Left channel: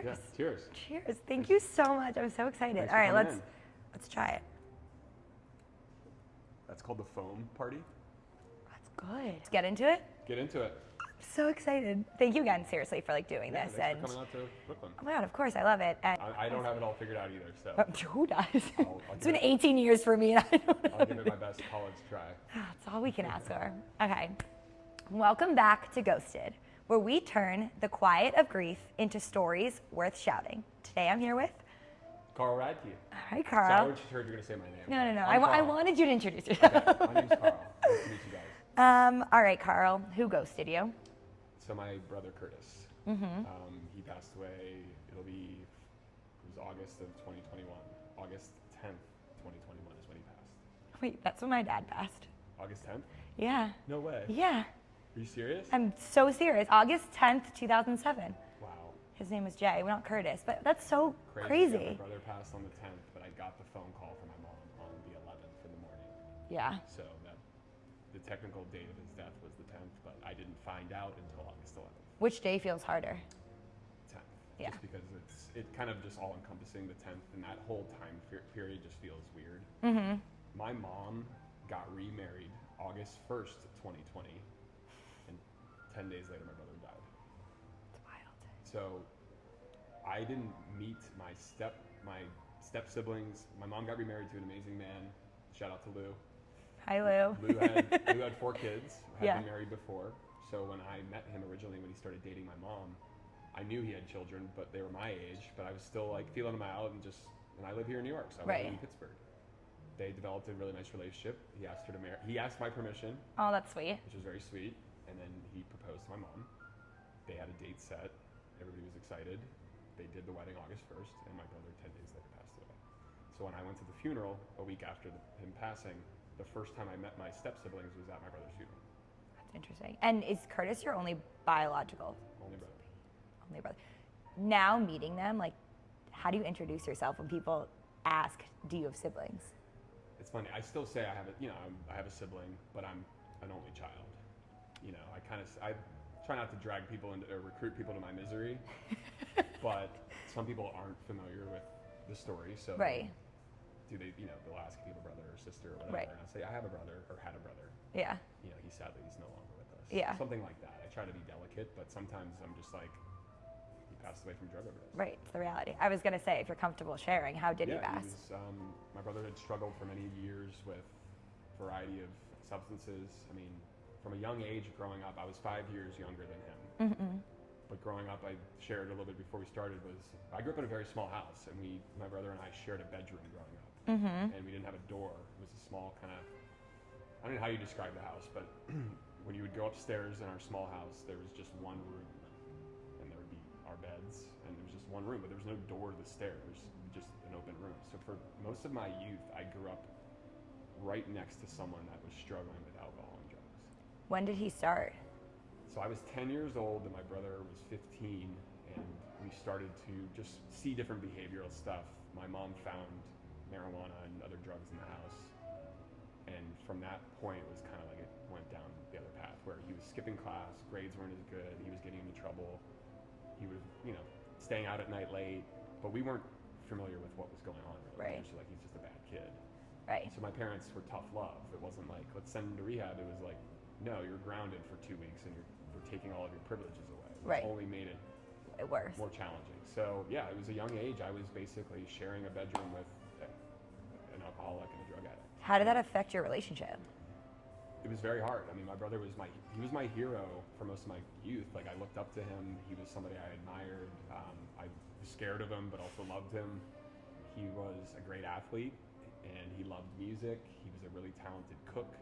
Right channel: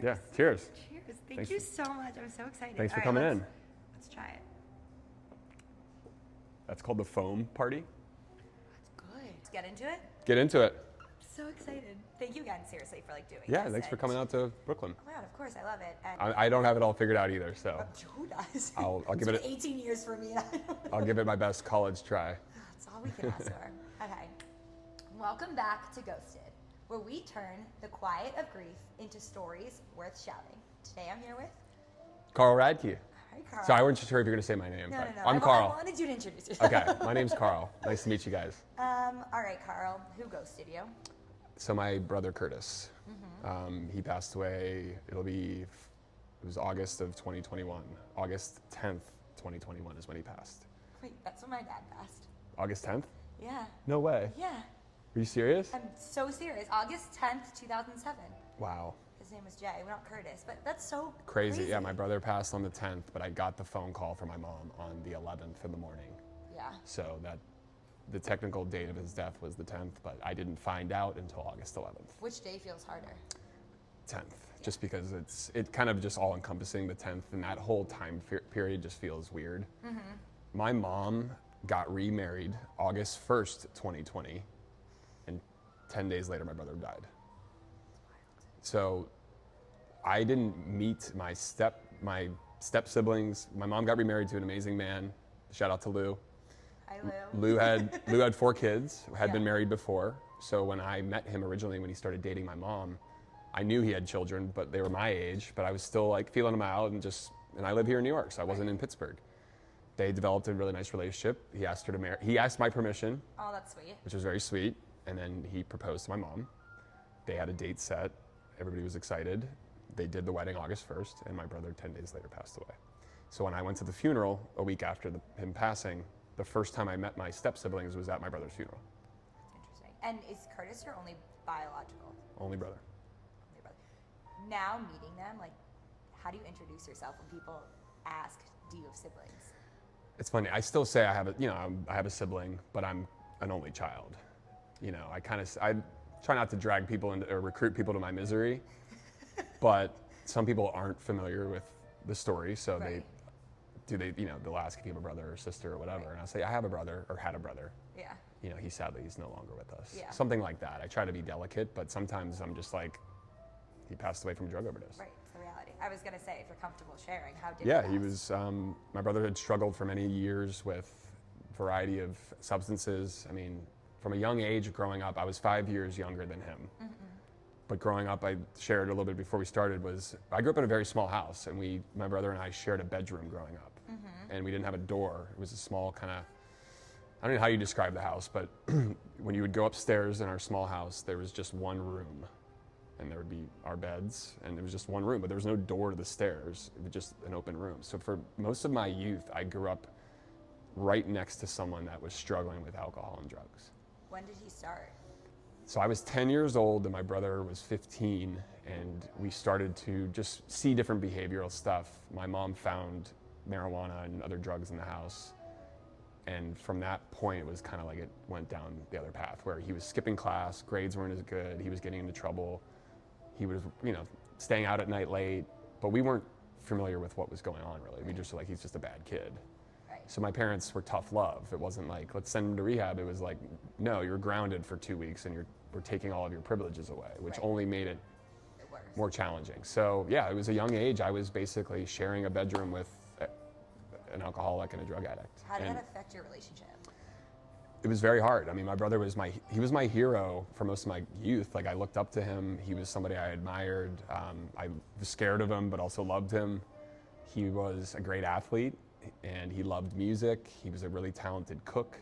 Cheers. Yeah, cheers. Cheers. Thank you so much. I'm so excited. Thanks All for right, coming in. let's try it. That's called the foam party. That's good. Let's get into it. Get into it. So excited. Thank you again, seriously, for doing Yeah, this. thanks for coming out to Brooklyn. Oh my God, of course, I love it. And I don't have it all figured out either, so who does? I'll It's give been it 18 years for me, and I don't know. I'll give it my best college try. That's all we can ask for. Okay. Welcome back to Ghosted, where we turn the quiet of grief into stories worth shouting. Today I'm here with... Carl Radke. All right, Carl. So I wasn't sure if you're going to say my name. No. I'm I Carl. wanted you to introduce yourself. Okay, my name's Carl. Nice to meet you guys. All right, Carl. Who ghosted you? So my brother Curtis, he passed away. It was August of 2021. August 10th, 2021 is when he passed. Wait, that's when my dad passed. August 10th? Yeah. No way. Yeah. Are you serious? I'm so serious. August 10th, 2007. Wow. His name was Jay, not Curtis. But that's so Crazy. Yeah, my brother passed on the 10th, but I got the phone call from my mom on the 11th in the morning. Yeah. So the technical date of his death was the 10th, but I didn't find out until August 11th. Which day feels harder? 10th, Yeah. just because it kind of just all encompassing the 10th, and that whole time period just feels weird. Mm-hmm. My mom got remarried August 1st, 2020, and 10 days later my brother died. It's wild. So I didn't meet my step siblings. My mom got remarried to an amazing man. Shout out to Lou. Hi, Lou. Lou had 4 kids, had Yeah. been married before. So when I met him originally, when he started dating my mom, I knew he had children, but they were my age. But I was still feeling them out, and I live here in New York, so I wasn't Right. in Pittsburgh. They developed a really nice relationship. He asked her to marry. He asked my permission, Oh, that's sweet. which was very sweet, and then he proposed to my mom. They had a date set. Everybody was excited. They did the wedding August 1st, and my brother 10 days later passed away. So when I went to the funeral a week after him passing, the first time I met my step siblings was at my brother's funeral. That's interesting. And is Curtis your only biological? Only brother. Only brother. Now meeting them, how do you introduce yourself when people ask, do you have siblings? It's funny. I still say I have a sibling, but I'm an only child. I try not to drag people into or recruit people to my misery, but some people aren't familiar with the story, so Right. they'll ask if you have a brother or sister or whatever, Right. and I'll say I have a brother or had a brother. Yeah. He's no longer with us. Yeah. Something like that. I try to be delicate, but sometimes I'm just he passed away from a drug overdose. Right. It's the reality. I was going to say, if you're comfortable sharing, how did he Yeah, pass? he was. My brother had struggled for many years with a variety of substances. I mean, from a young age, growing up, I was 5 years younger than him. Mm-mm. But growing up, I shared a little bit before we started, I grew up in a very small house, and my brother and I shared a bedroom growing up. Mm-hmm. And we didn't have a door. It was a small kind of, I don't know how you describe the house, but when you would go upstairs in our small house, there was just one room. And there would be our beds, and there was just one room, but there was no door to the stairs. It was just an open room. So for most of my youth, I grew up right next to someone that was struggling with alcohol and drugs. When did he start? So I was 10 years old, and my brother was 15, and we started to just see different behavioral stuff. My mom found marijuana and other drugs in the house. And from that point, it was kind of it went down the other path, where he was skipping class, grades weren't as good, he was getting into trouble. He was, staying out at night late, but we weren't familiar with what was going on, really. Right. We just were he's just a bad kid. Right. So my parents were tough love. It wasn't let's send him to rehab. It was no, you're grounded for 2 weeks, and we're taking all of your privileges away, which Right. only made it Worse. more challenging. So yeah, it was a young age. I was basically sharing a bedroom with an alcoholic and a drug addict. How did And that affect your relationship? it was very hard. I mean, my brother was my hero for most of my youth. I looked up to him. He was somebody I admired. I was scared of him, but also loved him. He was a great athlete, and he loved music. He was a really talented cook.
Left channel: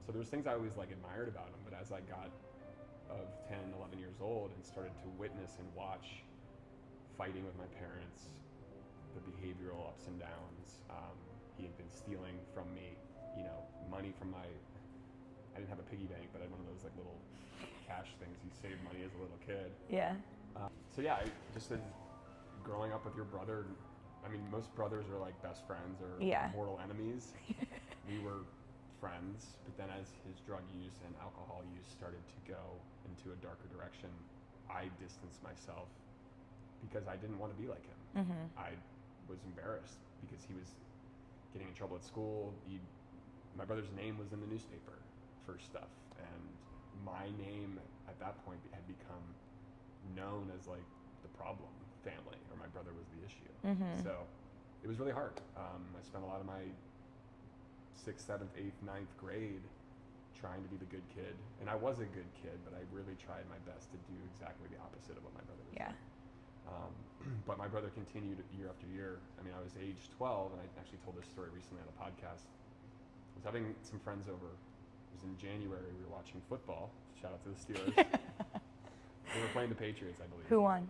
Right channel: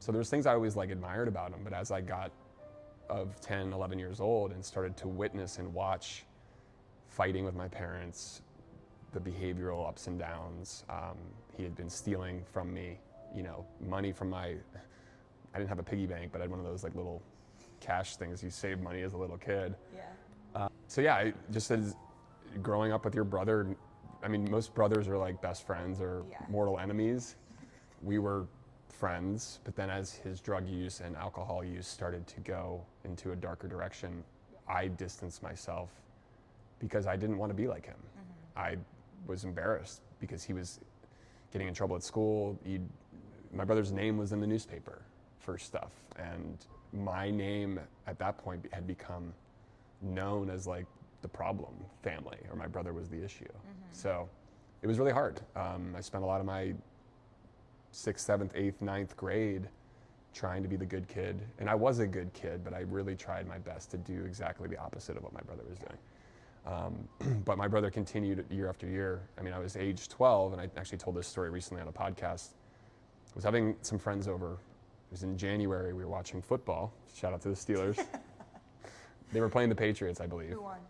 So there was things I always admired about him. But as I got of 10, 11 years old and started to witness and watch fighting with my parents, the behavioral ups and downs, he had been stealing from me. Money from I didn't have a piggy bank, but I had one of those little cash things you save money as a little kid. Yeah. So yeah, just as growing up with your brother, I mean, most brothers are best friends or Yeah. mortal enemies. We were friends, but then as his drug use and alcohol use started to go into a darker direction, I distanced myself because I didn't want to be like him. I was embarrassed because he was getting in trouble at school. My brother's name was in the newspaper for stuff, and my name at that point had become known as like the problem family, or my brother was the issue. So it was really hard. I spent a lot of my 6th, 7th, 8th, 9th grade trying to be the good kid, and I was a good kid, but I really tried my best to do exactly the opposite of what my brother was doing. But my brother continued year after year. I mean, I was age 12, and I actually told this story recently on a podcast. I was having some friends over. It was in January. We were watching football. Shout out to the Steelers. They were playing the Patriots, I believe. Who won?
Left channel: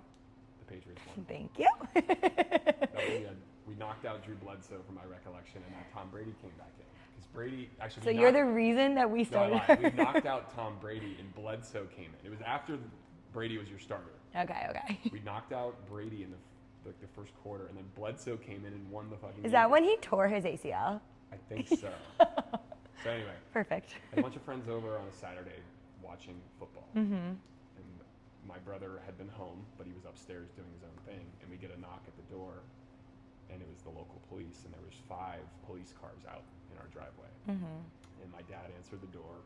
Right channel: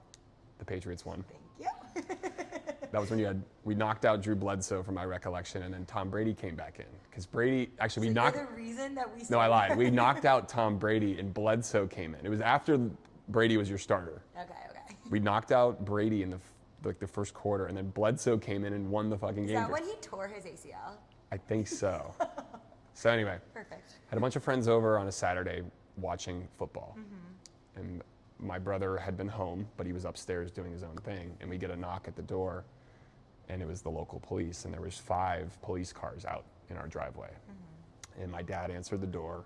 The Patriots won. Thank you. That was when we knocked out Drew Bledsoe from my recollection, and then Tom Brady came back in. Because Brady, actually, So you're the reason that we No, started. I lied. We knocked out Tom Brady, and Bledsoe came in. It was after Brady was your starter. Okay. We knocked out Brady in the first quarter, and then Bledsoe came in and won the fucking game. Is that when he tore his ACL? I think so. So anyway, Perfect. had a bunch of friends over on a Saturday watching football. And my brother had been home, but he was upstairs doing his own thing. And we get a knock at the door, and it was the local police, and there was 5 police cars out in our driveway. And my dad answered the door,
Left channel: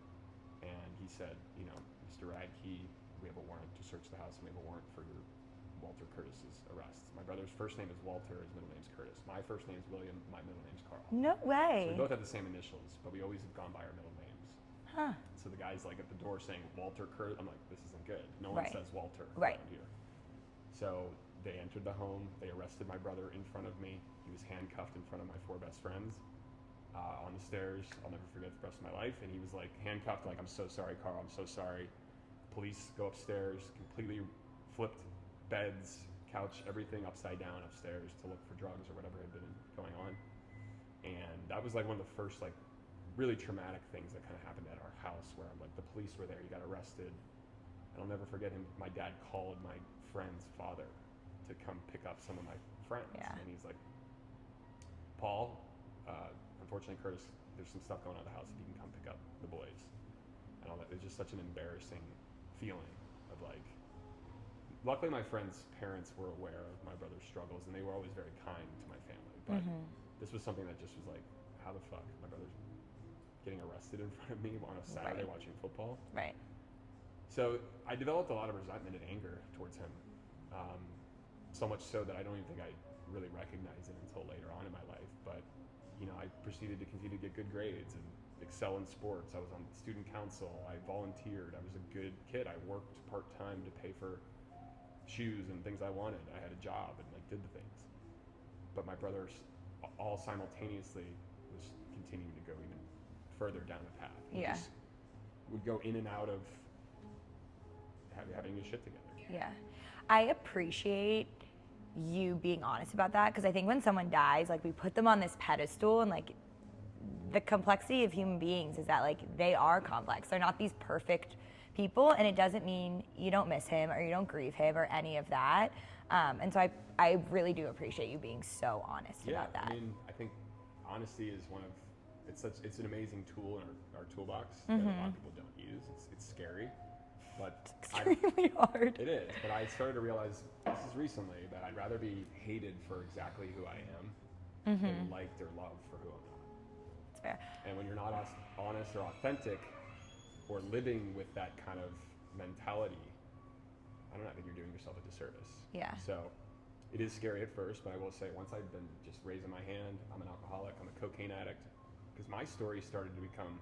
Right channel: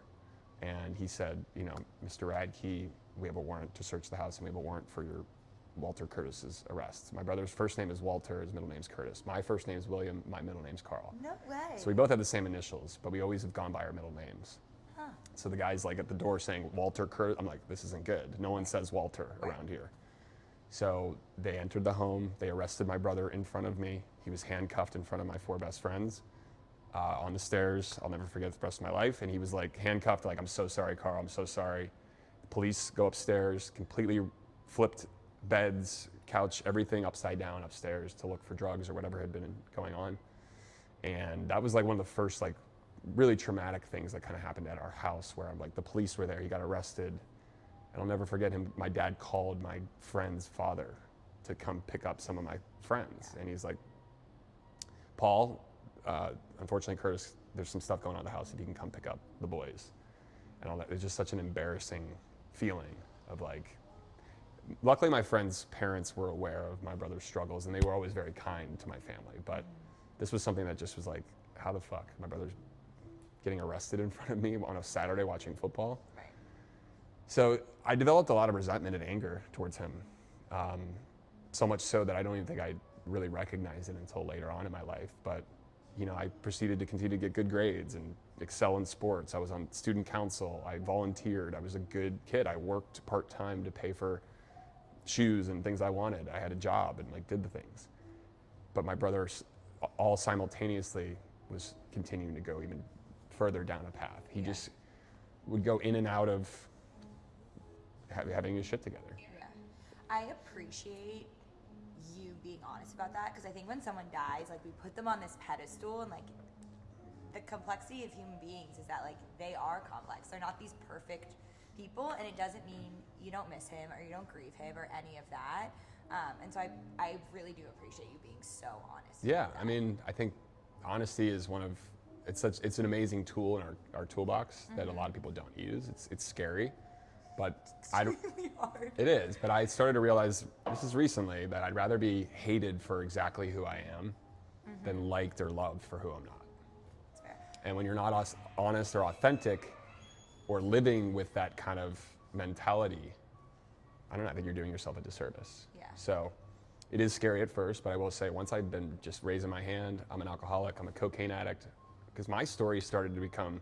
and he said, you know, Mr. Radke, we have a warrant to search the house, and we have a warrant for your Walter Curtis's arrest. My brother's first name is Walter, his middle name's Curtis. My first name is William, my middle name's Carl. No way. So we both have the same initials, but we always have gone by our middle names. So the guy's like at the door saying Walter Curtis. I'm like, this isn't good. No one says Walter around here. So they entered the home. They arrested my brother in front of me. He was handcuffed in front of my 4 best friends on the stairs. I'll never forget the rest of my life. And he was like handcuffed, like, I'm so sorry, Carl, I'm so sorry. The police go upstairs, completely flipped beds, couch, everything upside down upstairs to look for drugs or whatever had been going on. And that was like one of the first like really traumatic things that kind of happened at our house, where I'm like, the police were there, he got arrested. And I'll never forget him. My dad called my friend's father to come pick up some of my friends. And he's like, Paul, unfortunately, Curtis, there's some stuff going on in the house, if you can come pick up the boys. And all that. It was just such an embarrassing feeling of like, luckily my friends' parents were aware of my brother's struggles, and they were always very kind to my family. But this was something that just was like, how the fuck? My brother's getting arrested in front of me on a Saturday watching football. Right. So I developed a lot of resentment and anger towards him. So much so that I don't even think I really recognized it until later on in my life. But, you know, I proceeded to continue to get good grades and excel in sports. I was on student council. I volunteered. I was a good kid. I worked part-time to pay for shoes and things I wanted. I had a job and like did the things. But my brother all simultaneously was continuing to go even further down a path. He just would go in and out of having his shit together. Yeah. I appreciate you being honest about that, because I think when someone dies, like, we put them on this pedestal, and like the complexity of human beings is that like they are complex. They're not these perfect people, and it doesn't mean you don't miss him or you don't grieve him or any of that. And so I really do appreciate you being so honest about that. I mean, I think honesty is it's an amazing tool in our toolbox that a lot of people don't use. It's scary, but Extremely hard. It is, but I started to realize, this is recently, that I'd rather be hated for exactly who I am than liked or loved for who I'm not. That's fair. And when you're not honest or authentic or living with that kind of mentality, I don't know, I think you're doing yourself a disservice. Yeah. So it is scary at first, but I will say, once I've been just raising my hand, I'm an alcoholic, I'm a cocaine addict, because my story started to become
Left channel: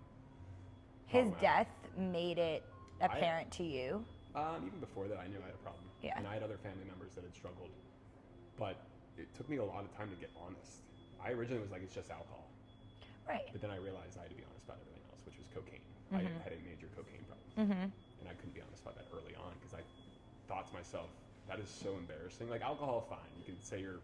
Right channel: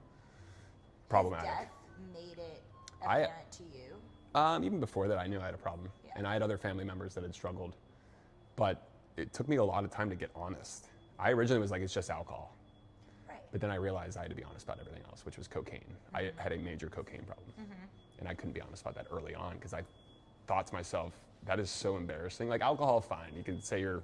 problematic. His death made it apparent to you? Even before that, I knew I had a problem. Yeah. And I had other family members that had struggled. But it took me a lot of time to get honest. I originally was like, it's just alcohol. Right. But then I realized I had to be honest about everything else, which was cocaine. I had a major cocaine problem. And I couldn't be honest about that early on, because I thought to myself, that is so embarrassing. Like, alcohol, fine. You can say you're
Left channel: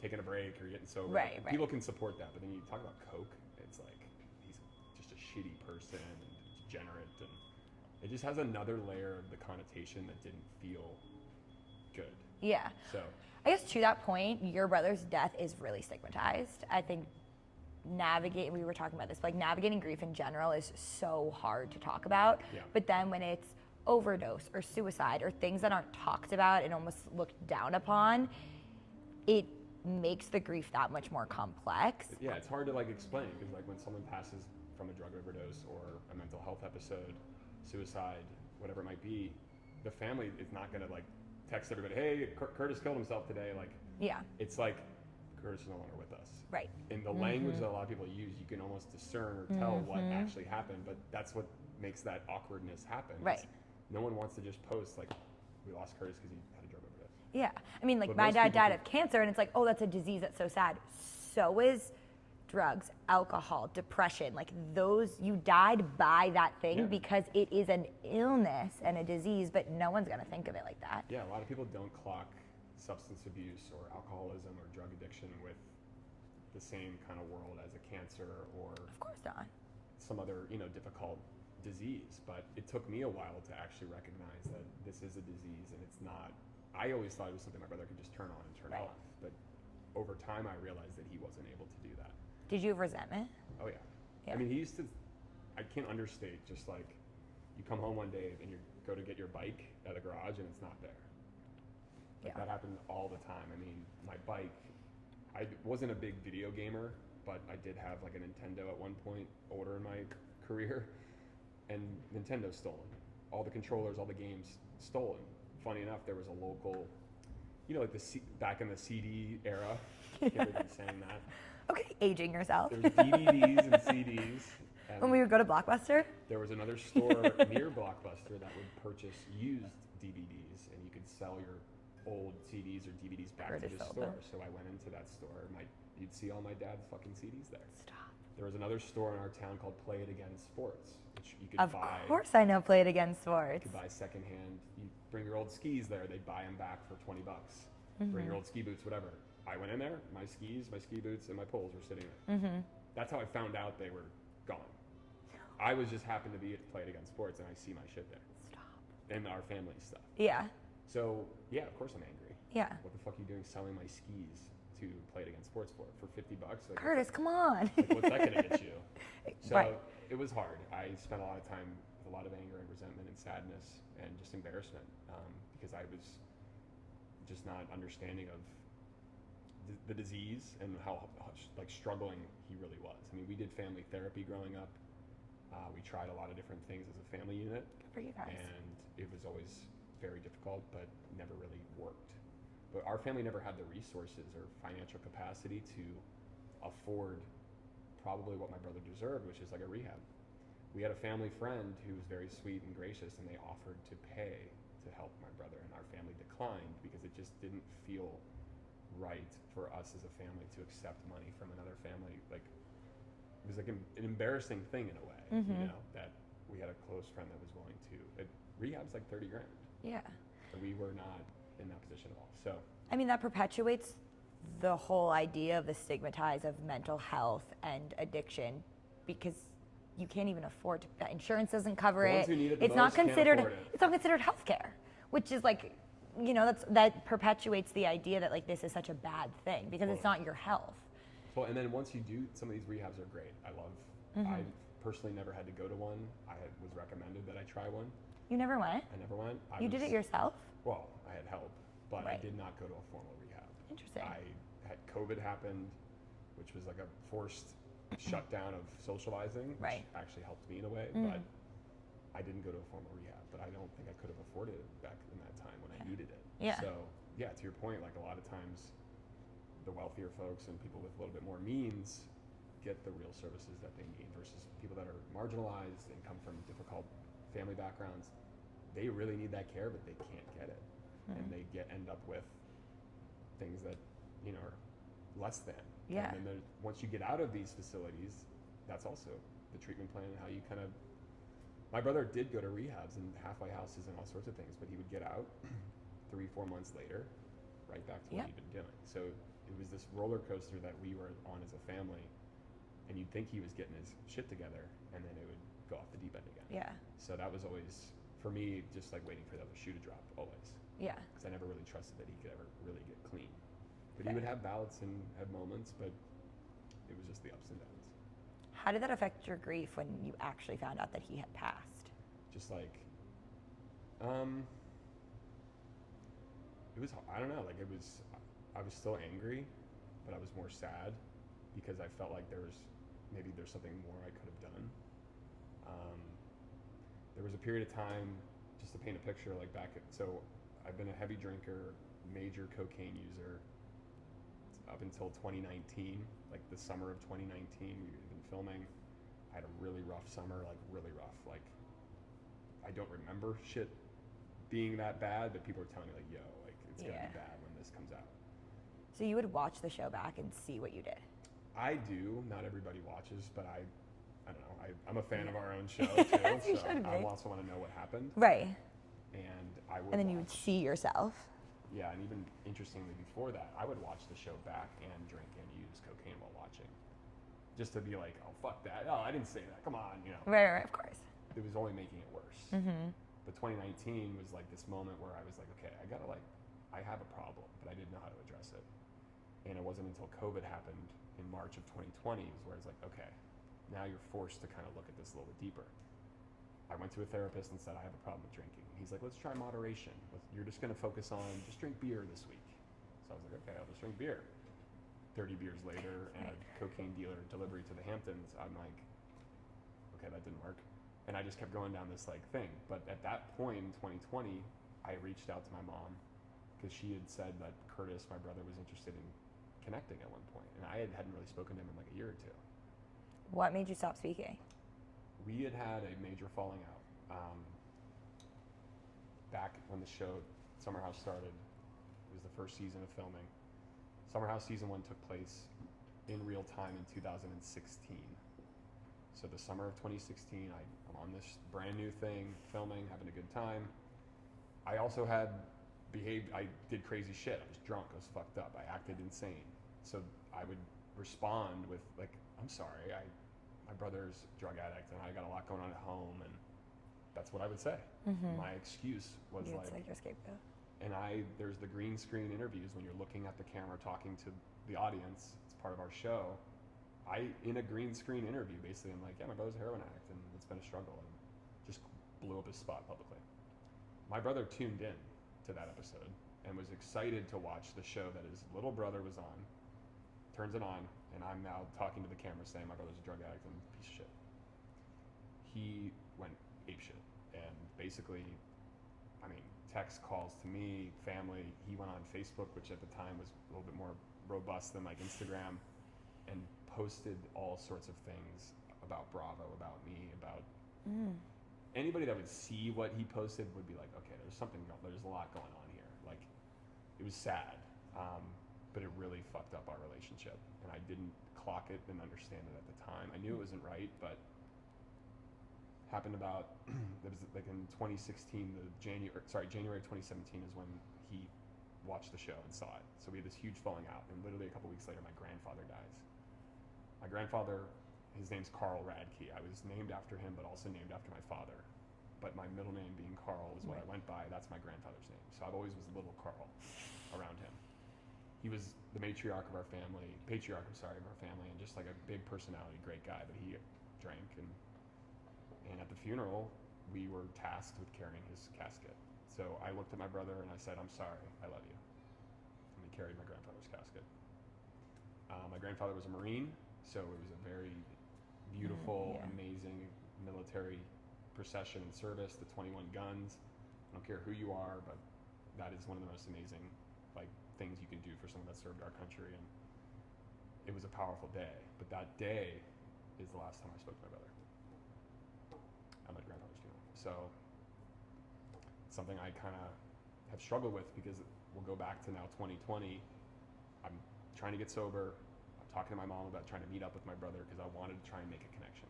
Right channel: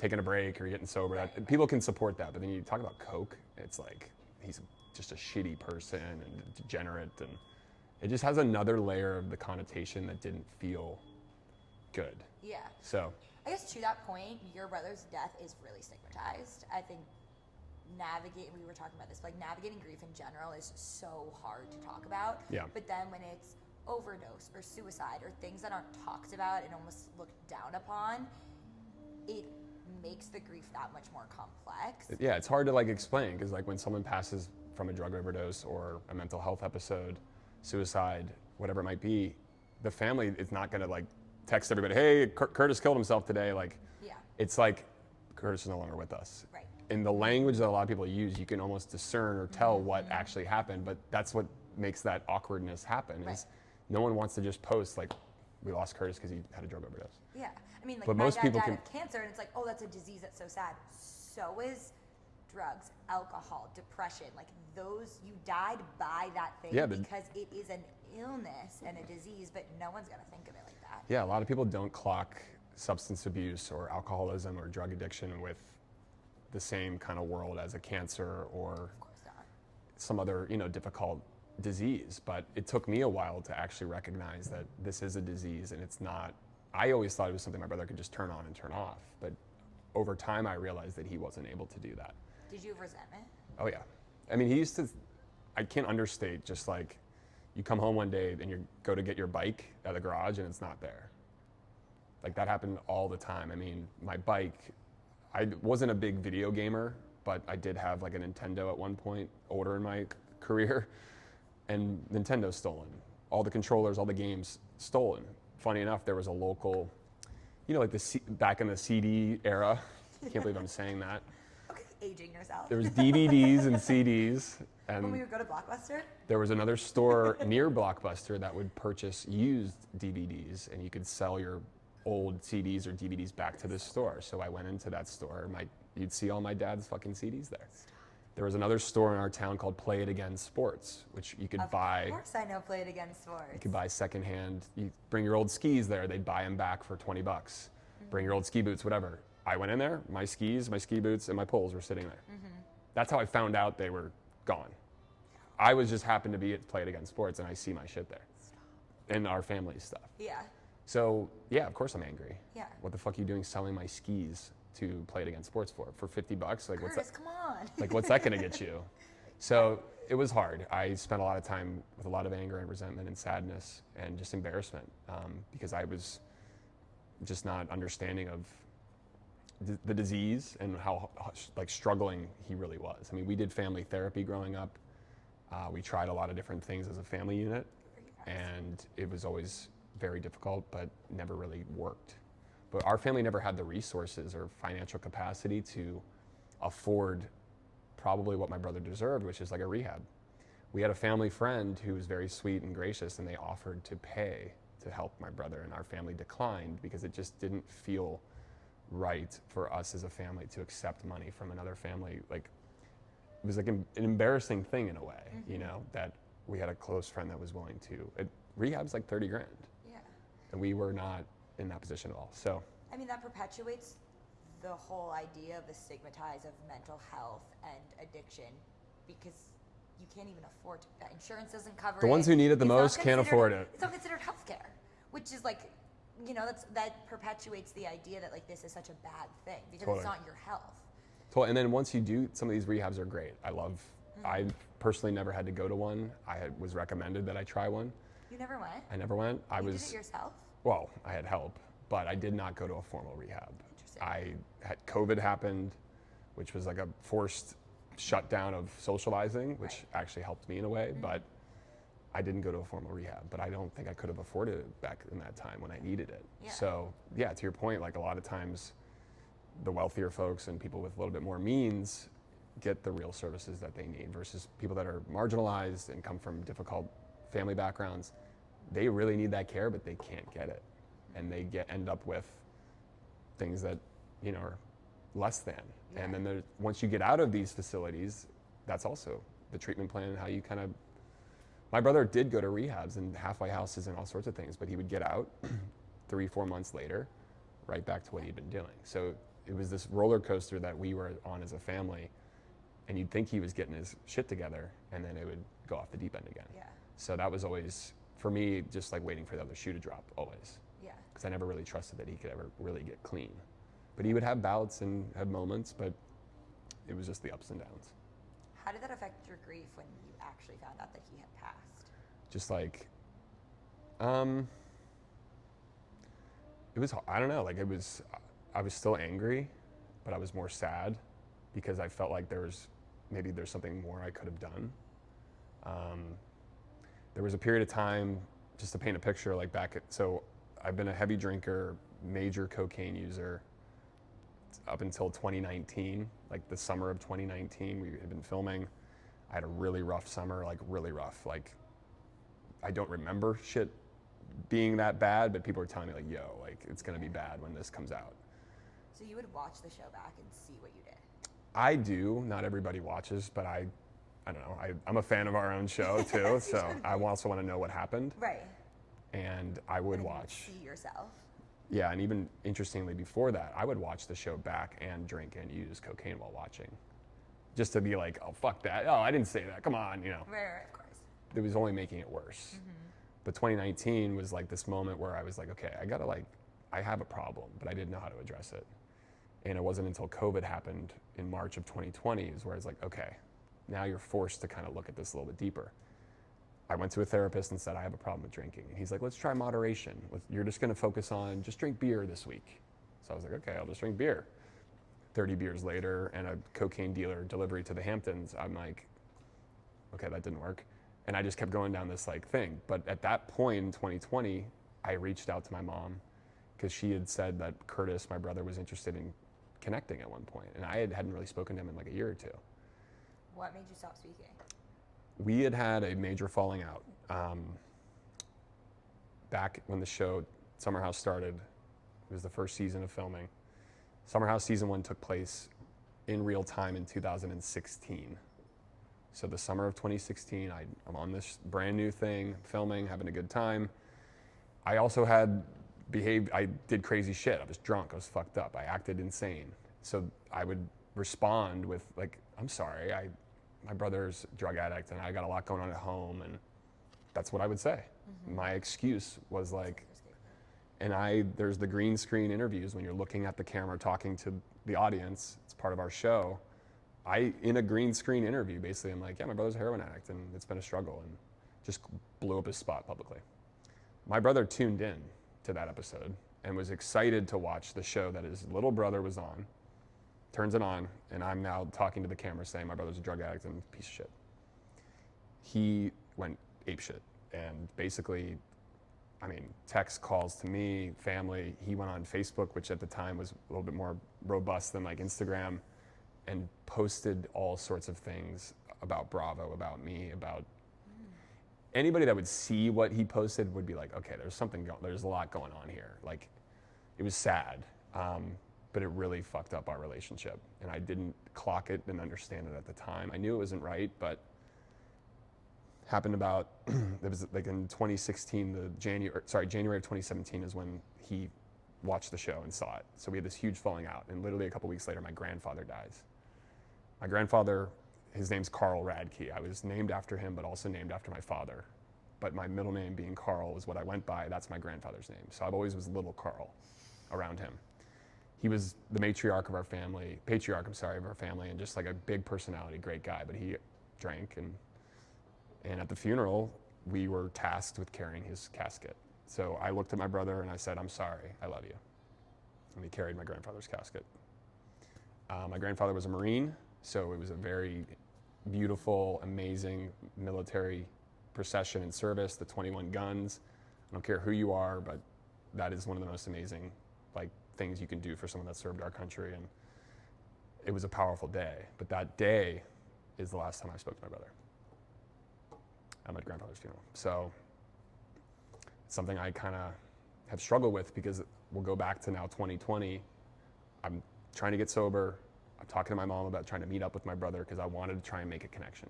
taking a break or you're getting sober. Right. People can support that. But then you talk about coke, it's like, he's just a shitty person and a degenerate, and it just has another layer of the connotation that didn't feel good. Yeah. So I guess to that point, your brother's death is really stigmatized. I think we were talking about this, like, navigating grief in general is so hard to talk about. Yeah. But then when it's overdose or suicide or things that aren't talked about and almost looked down upon, it makes the grief that much more complex. Yeah, it's hard to like explain because like when someone passes from a drug overdose or a mental health episode, suicide, whatever it might be, the family is not gonna like text everybody, hey, Curtis killed himself today. Like, Yeah. it's like Curtis is no longer with us. Right. In the language that a lot of people use, you can almost discern or tell what actually happened, but that's what makes that awkwardness happen. Right. Is no one wants to just post like, we lost Curtis because he had a drug overdose. Yeah. I mean, like But my most dad people died can- of cancer, and it's like, oh, that's a disease. That's so sad. So is drugs, alcohol, depression. Like those, you died by that thing Yeah, but- because it is an illness and a disease, but no one's going to think of it like that. Yeah, a lot of people don't clock substance abuse or alcoholism or drug addiction with the same kind of world as a cancer or Of course not. some other, difficult disease. But it took me a while to actually recognize that this is a disease and it's not. I always thought it was something my brother could just turn on and turn off. But over time, I realized that he wasn't able to do that. Did you have resentment? Oh, yeah. I mean, he used to, I can't understate, just like you come home one day and you go to get your bike at the garage and it's not there. Like that happened all the time. I mean, my bike, I wasn't a big video gamer, but I did have like a Nintendo at one point, older in my career, and Nintendo's stolen. All the controllers, all the games stolen. Funny enough, there was a local, like back in the CD era. Can't believe I'm saying that. Okay, aging yourself. There was DVDs and CDs. And When we would go to Blockbuster? there was another store near Blockbuster that would purchase used DVDs, and you could sell your old CDs or DVDs back to the store. So I went into that store. You'd see all my dad's fucking CDs there. Stop. There was another store in our town called Play It Again Sports, which you could buy. Of course I know Play It Again Sports. You could buy secondhand. You bring your old skis there, they'd buy them back for $20. Bring your old ski boots, whatever. I went in there, my skis, my ski boots, and my poles were sitting there. That's how I found out they were gone. I was just happened to be at Play It Again Sports, and I see my shit there. Stop. And our family stuff. Yeah. So, yeah, of course I'm angry. Yeah. What the fuck are you doing selling my skis to Play It Again Sports for $50? Like, Curtis, come on. what's that gonna get you? So it was hard. I spent a lot of time with a lot of anger and resentment and sadness and just embarrassment because I was just not understanding of the disease and how like struggling he really was. I mean, we did family therapy growing up. We tried a lot of different things as a family unit, Good for you guys. and it was always very difficult, but never really worked. But our family never had the resources or financial capacity to afford probably what my brother deserved, which is like a rehab. We had a family friend who was very sweet and gracious, and they offered to pay to help my brother, and our family declined because it just didn't feel right for us as a family to accept money from another family. Like, it was like an embarrassing thing in a way, that we had a close friend that was willing to. Rehab's like 30 grand. Yeah. And we were not in that position at all. So, I mean, that perpetuates the whole idea of the stigmatize of mental health and addiction because you can't even afford to. Insurance doesn't cover it. The ones who need it the It's not most can't considered- afford it. It's not considered healthcare, which is like, that perpetuates the idea that like this is such a bad thing because it's Totally. not your health. and then once you do, some of these rehabs are great. I personally never had to go to one. Was recommended that I try one. You never went? I never went. You did it yourself? Well, I had help, but I did not go to a formal rehab. Interesting. I had COVID happened, which was like a forced shutdown of socializing, which Right. actually helped me in a way, but I didn't go to a formal rehab, but I don't think I could have afforded it back in that time when I needed it. Yeah. So, yeah, to your point, like a lot of times the wealthier folks and people with a little bit more means get the real services that they need versus people that are marginalized and come from difficult family backgrounds. They really need that care, but they can't get it. And they end up with things that, are less than. Yeah. And then once you get out of these facilities, that's also the treatment plan and how you kind of. My brother did go to rehabs and halfway houses and all sorts of things, but he would get out 3-4 months later, right back to what he'd been doing. So it was this roller coaster that we were on as a family, and you'd think he was getting his shit together, and then it would go off the deep end again. Yeah. So that was always, for me, just like waiting for the other shoe to drop, always. Yeah. Because I never really trusted that he could ever really get clean. But he would have bouts and have moments, but it was just the ups and downs. How did that affect your grief when you actually found out that he had passed? Just like Um, it was, I don't know, like I was still angry, but I was more sad because I felt like maybe there's something more I could have done. There was a period of time, just to paint a picture, like so I've been a heavy drinker, major cocaine user up until 2019, like the summer of 2019, we had been filming. I had a really rough summer, like really rough. Like, I don't remember shit being that bad, but people were telling me like, yo, like it's gonna be bad when this comes out. So you would watch the show back and see what you did? I do. Not everybody watches, but I don't know. I'm a fan of our own show too, so I also want to know what happened. Right. And I would And then watch. you would see yourself. Yeah, and even interestingly before that, I would watch the show back and drink and use cocaine while watching. Just to be like, oh, fuck that. Oh, I didn't say that. Come on, you know. Right, of course. It was only making it worse. But 2019 was like this moment where I was like, okay, I have a problem, but I didn't know how to address it. And it wasn't until COVID happened in March of 2020 is where it's like, okay, now you're forced to kind of look at this a little bit deeper. I went to a therapist and said, I have a problem with drinking. And he's like, let's try moderation. You're just going to focus on just drink beer this week. So I was like, okay, I'll just drink beer. 30 beers later and a cocaine dealer delivery to the Hamptons, I'm like, okay, that didn't work. And I just kept going down this like thing. But at that point in 2020, I reached out to my mom because she had said that Curtis, my brother, was interested in connecting at one point. And I hadn't really spoken to him in like a year or two. What made you stop speaking? We had a major falling out. Back when the show Summer House started, it was the first season of filming. Summer House season 1 took place in real time in 2016. So the summer of 2016, I'm on this brand new thing, filming, having a good time. I also I did crazy shit. I was drunk, I was fucked up, I acted insane. So I would respond with like, I'm sorry, my brother's a drug addict and I got a lot going on at home, and that's what I would say. My excuse was like your scapegoat. and there's the green screen interviews when you're looking at the camera talking to the audience. It's part of our show. In a green screen interview, basically, I'm like, yeah, my brother's a heroin addict and it's been a struggle, and just blew up his spot publicly. My brother tuned in to that episode and was excited to watch the show that his little brother was on, turns it on, and I'm now talking to the camera saying my brother's a drug addict and a piece of shit. He went apeshit, and basically, I mean, text calls to me, family. He went on Facebook, which at the time was a little bit more robust than like Instagram, and posted all sorts of things about Bravo, about me, about anybody that would see what he posted would be like, okay, there's a lot going on here. Like, it was sad, but it really fucked up our relationship, and I didn't clock it and understand it at the time. I knew it wasn't right, but happened about, it was like in 2016, January of 2017 is when he watched the show and saw it. So we had this huge falling out, and literally a couple weeks later, my grandfather dies. My grandfather, his name's Carl Radke. I was named after him, but also named after my father. But my middle name being Carl is what I went by. That's my grandfather's name. So I've always was little Carl around him. He was the patriarch of our family, and just like a big personality, great guy, but he drank, and at the funeral, we were tasked with carrying his casket. So I looked at my brother and I said, I'm sorry, I love you. And we carried my grandfather's casket. My grandfather was a Marine, so it was a very beautiful, amazing military procession and service, the 21 guns. I don't care who you are, but that is one of the most amazing things you can do for someone that served our country, and it was a powerful day. But that day is the last time I spoke to my brother at my grandfather's funeral. So it's something I kind of have struggled with, because we'll go back to now 2020. I'm trying to get sober. I'm talking to my mom about trying to meet up with my brother because I wanted to try and make a connection.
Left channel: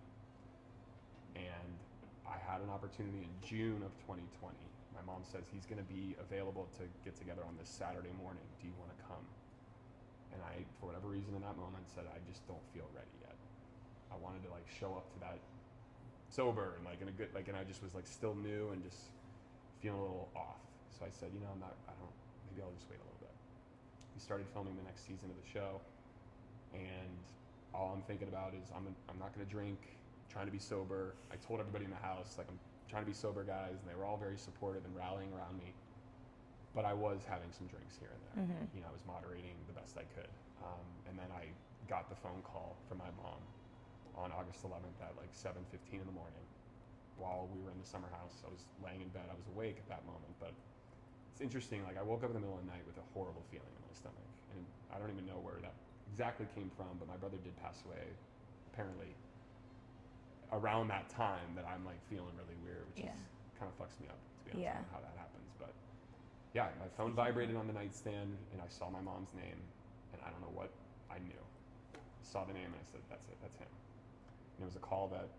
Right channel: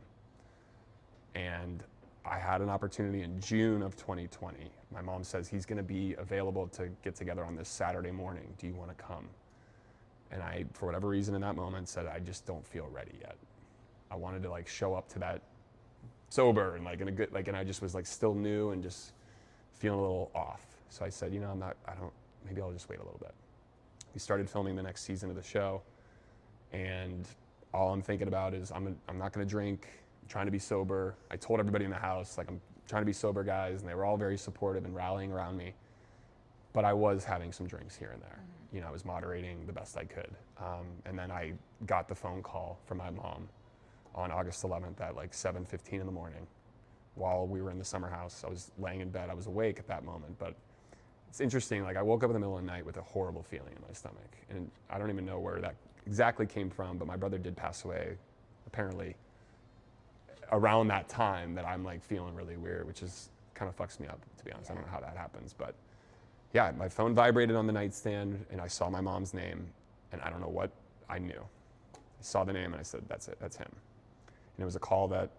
And I had an opportunity in June of 2020. My mom says he's going to be available to get together on this Saturday morning. Do you want to come? And I, for whatever reason in that moment, said I just don't feel ready yet. I wanted to show up to that sober and in a good, and I just was still new and just feeling a little off. So I said, maybe I'll just wait a little bit. We started filming the next season of the show, and all I'm thinking about is I'm not going to drink, I'm trying to be sober. I told everybody in the house, I'm trying to be sober guys, and they were all very supportive and rallying around me. But I was having some drinks here and there. You know, I was moderating the best I could. And then I got the phone call from my mom on August 11th at like 7:15 in the morning while we were in the summer house. I was laying in bed. I was awake at that moment, but it's interesting. Like, I woke up in the middle of the night with a horrible feeling in my stomach. And I don't even know where that exactly came from, but my brother did pass away apparently around that time that I'm like feeling really weird, which is kind of fucks me up, to be honest. I don't know how that happens, but yeah, my phone vibrated on the nightstand and I saw my mom's name, and I don't know what I knew. I saw the name and I said, that's it, that's him. And it was a call that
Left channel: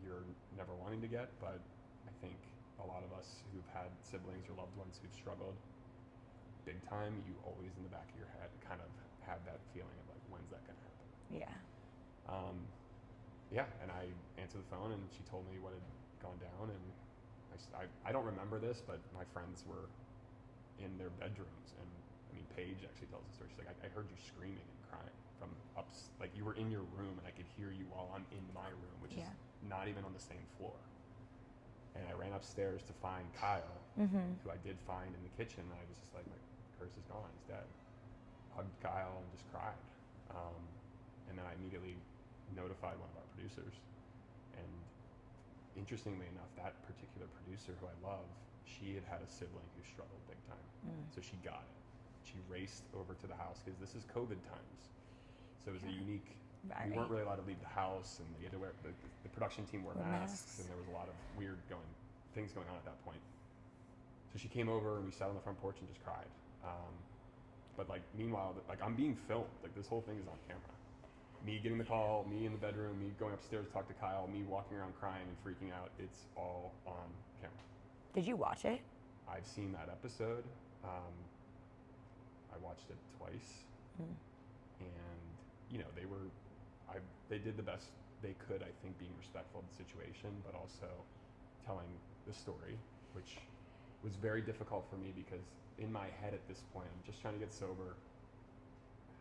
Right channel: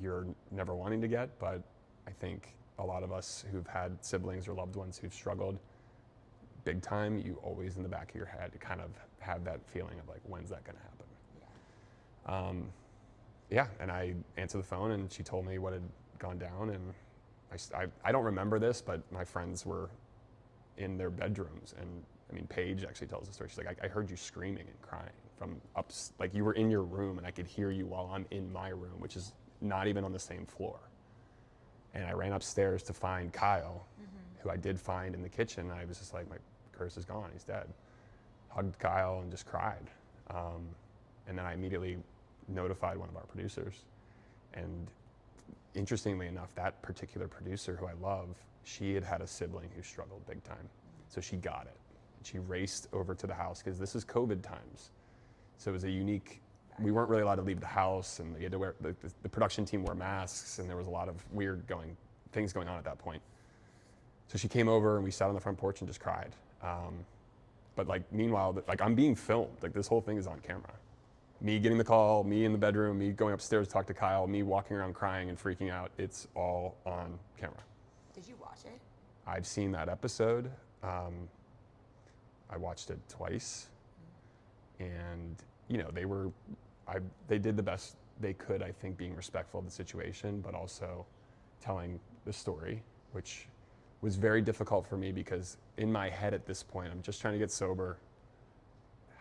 you're never wanting to get, but I think a lot of us who've had siblings or loved ones who've struggled big time, you always in the back of your head kind of have that feeling of like, when's that gonna happen? Yeah. Yeah, and I answered the phone and she told me what had gone down, and I don't remember this, but my friends were in their bedrooms, and I mean, Paige actually tells the story. She's like, I heard you screaming and crying from like you were in your room and I could hear you while I'm in my room, which is not even on the same floor. And I ran upstairs to find Kyle, who I did find in the kitchen. I was just like, my curse is gone, he's dead. Hugged Kyle and just cried. And then I immediately notified one of our producers. And interestingly enough, that particular producer who I love, she had a sibling who struggled big time. So she got it. She raced over to the house because this is COVID times. So it was a unique, we weren't really allowed to leave the house, and we had to wear, the production team wore masks, and there was a lot of weird things going on at that point. So she came over and we sat on the front porch and just cried. But like, meanwhile, like, I'm being filmed. Like, this whole thing is on camera. Me getting the call, me in the bedroom, me going upstairs to talk to Kyle, me walking around crying and freaking out. It's all on camera. Did you watch it? I've seen that episode. I watched it twice. And, you know, they did the best they could, I think, being respectful of the situation, but also telling the story, which was very difficult for me because in my head at this point, I'm just trying to get sober.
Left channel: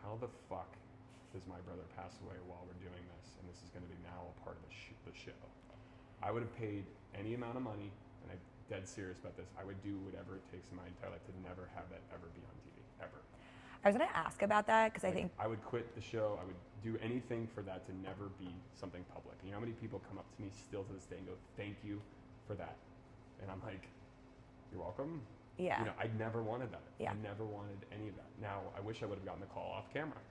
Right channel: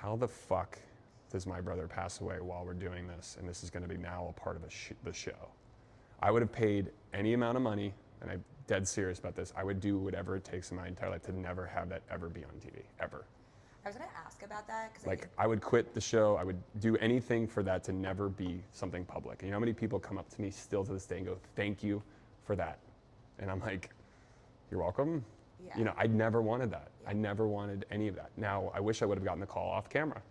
How the fuck does my brother pass away while we're doing this, and this is going to be now a part of the show? I would have paid any amount of money, and I'm dead serious about this. I would do whatever it takes in my entire life to never have that ever be on TV, ever. I was going to ask about that because I think I would quit the show. I would do anything for that to never be something public. And you know how many people come up to me still to this day and go, "Thank you for that," and I'm like, "You're welcome." Yeah. You know, I never wanted that. Yeah. I never wanted any of that. Now, I wish I would have gotten the call off camera.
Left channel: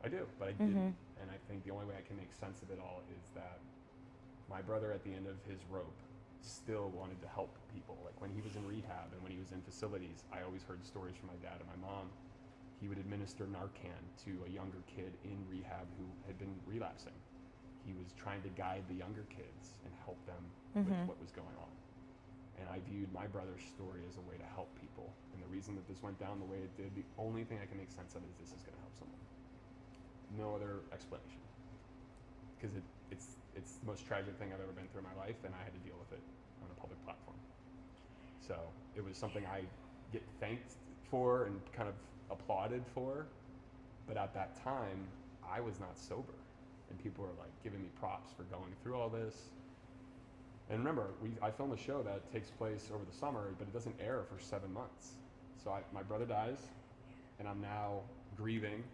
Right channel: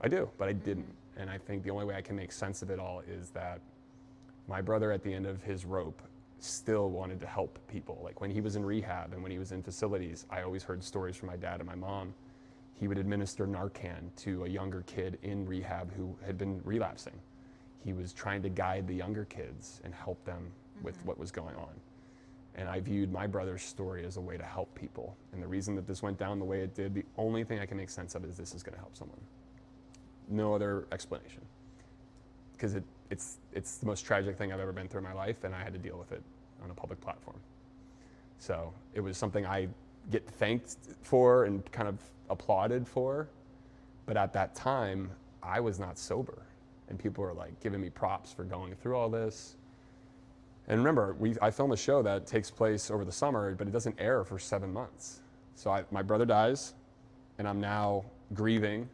I do, but I didn't. And I think the only way I can make sense of it all is that my brother, at the end of his rope, still wanted to help people. Like, when he was in rehab and when he was in facilities, I always heard stories from my dad and my mom. He would administer Narcan to a younger kid in rehab who had been relapsing. He was trying to guide the younger kids and help them with what was going on. And I viewed my brother's story as a way to help people. And the reason that this went down the way it did, the only thing I can make sense of is this is going to help someone. No other explanation. Because it's the most tragic thing I've ever been through in my life, and I had to deal with it on a public platform. So it was something I get thanked for and kind of applauded for, but at that time, I was not sober. And people were like giving me props for going through all this. And remember, I film a show that takes place over the summer, but it doesn't air for 7 months. So my brother dies, and I'm now grieving,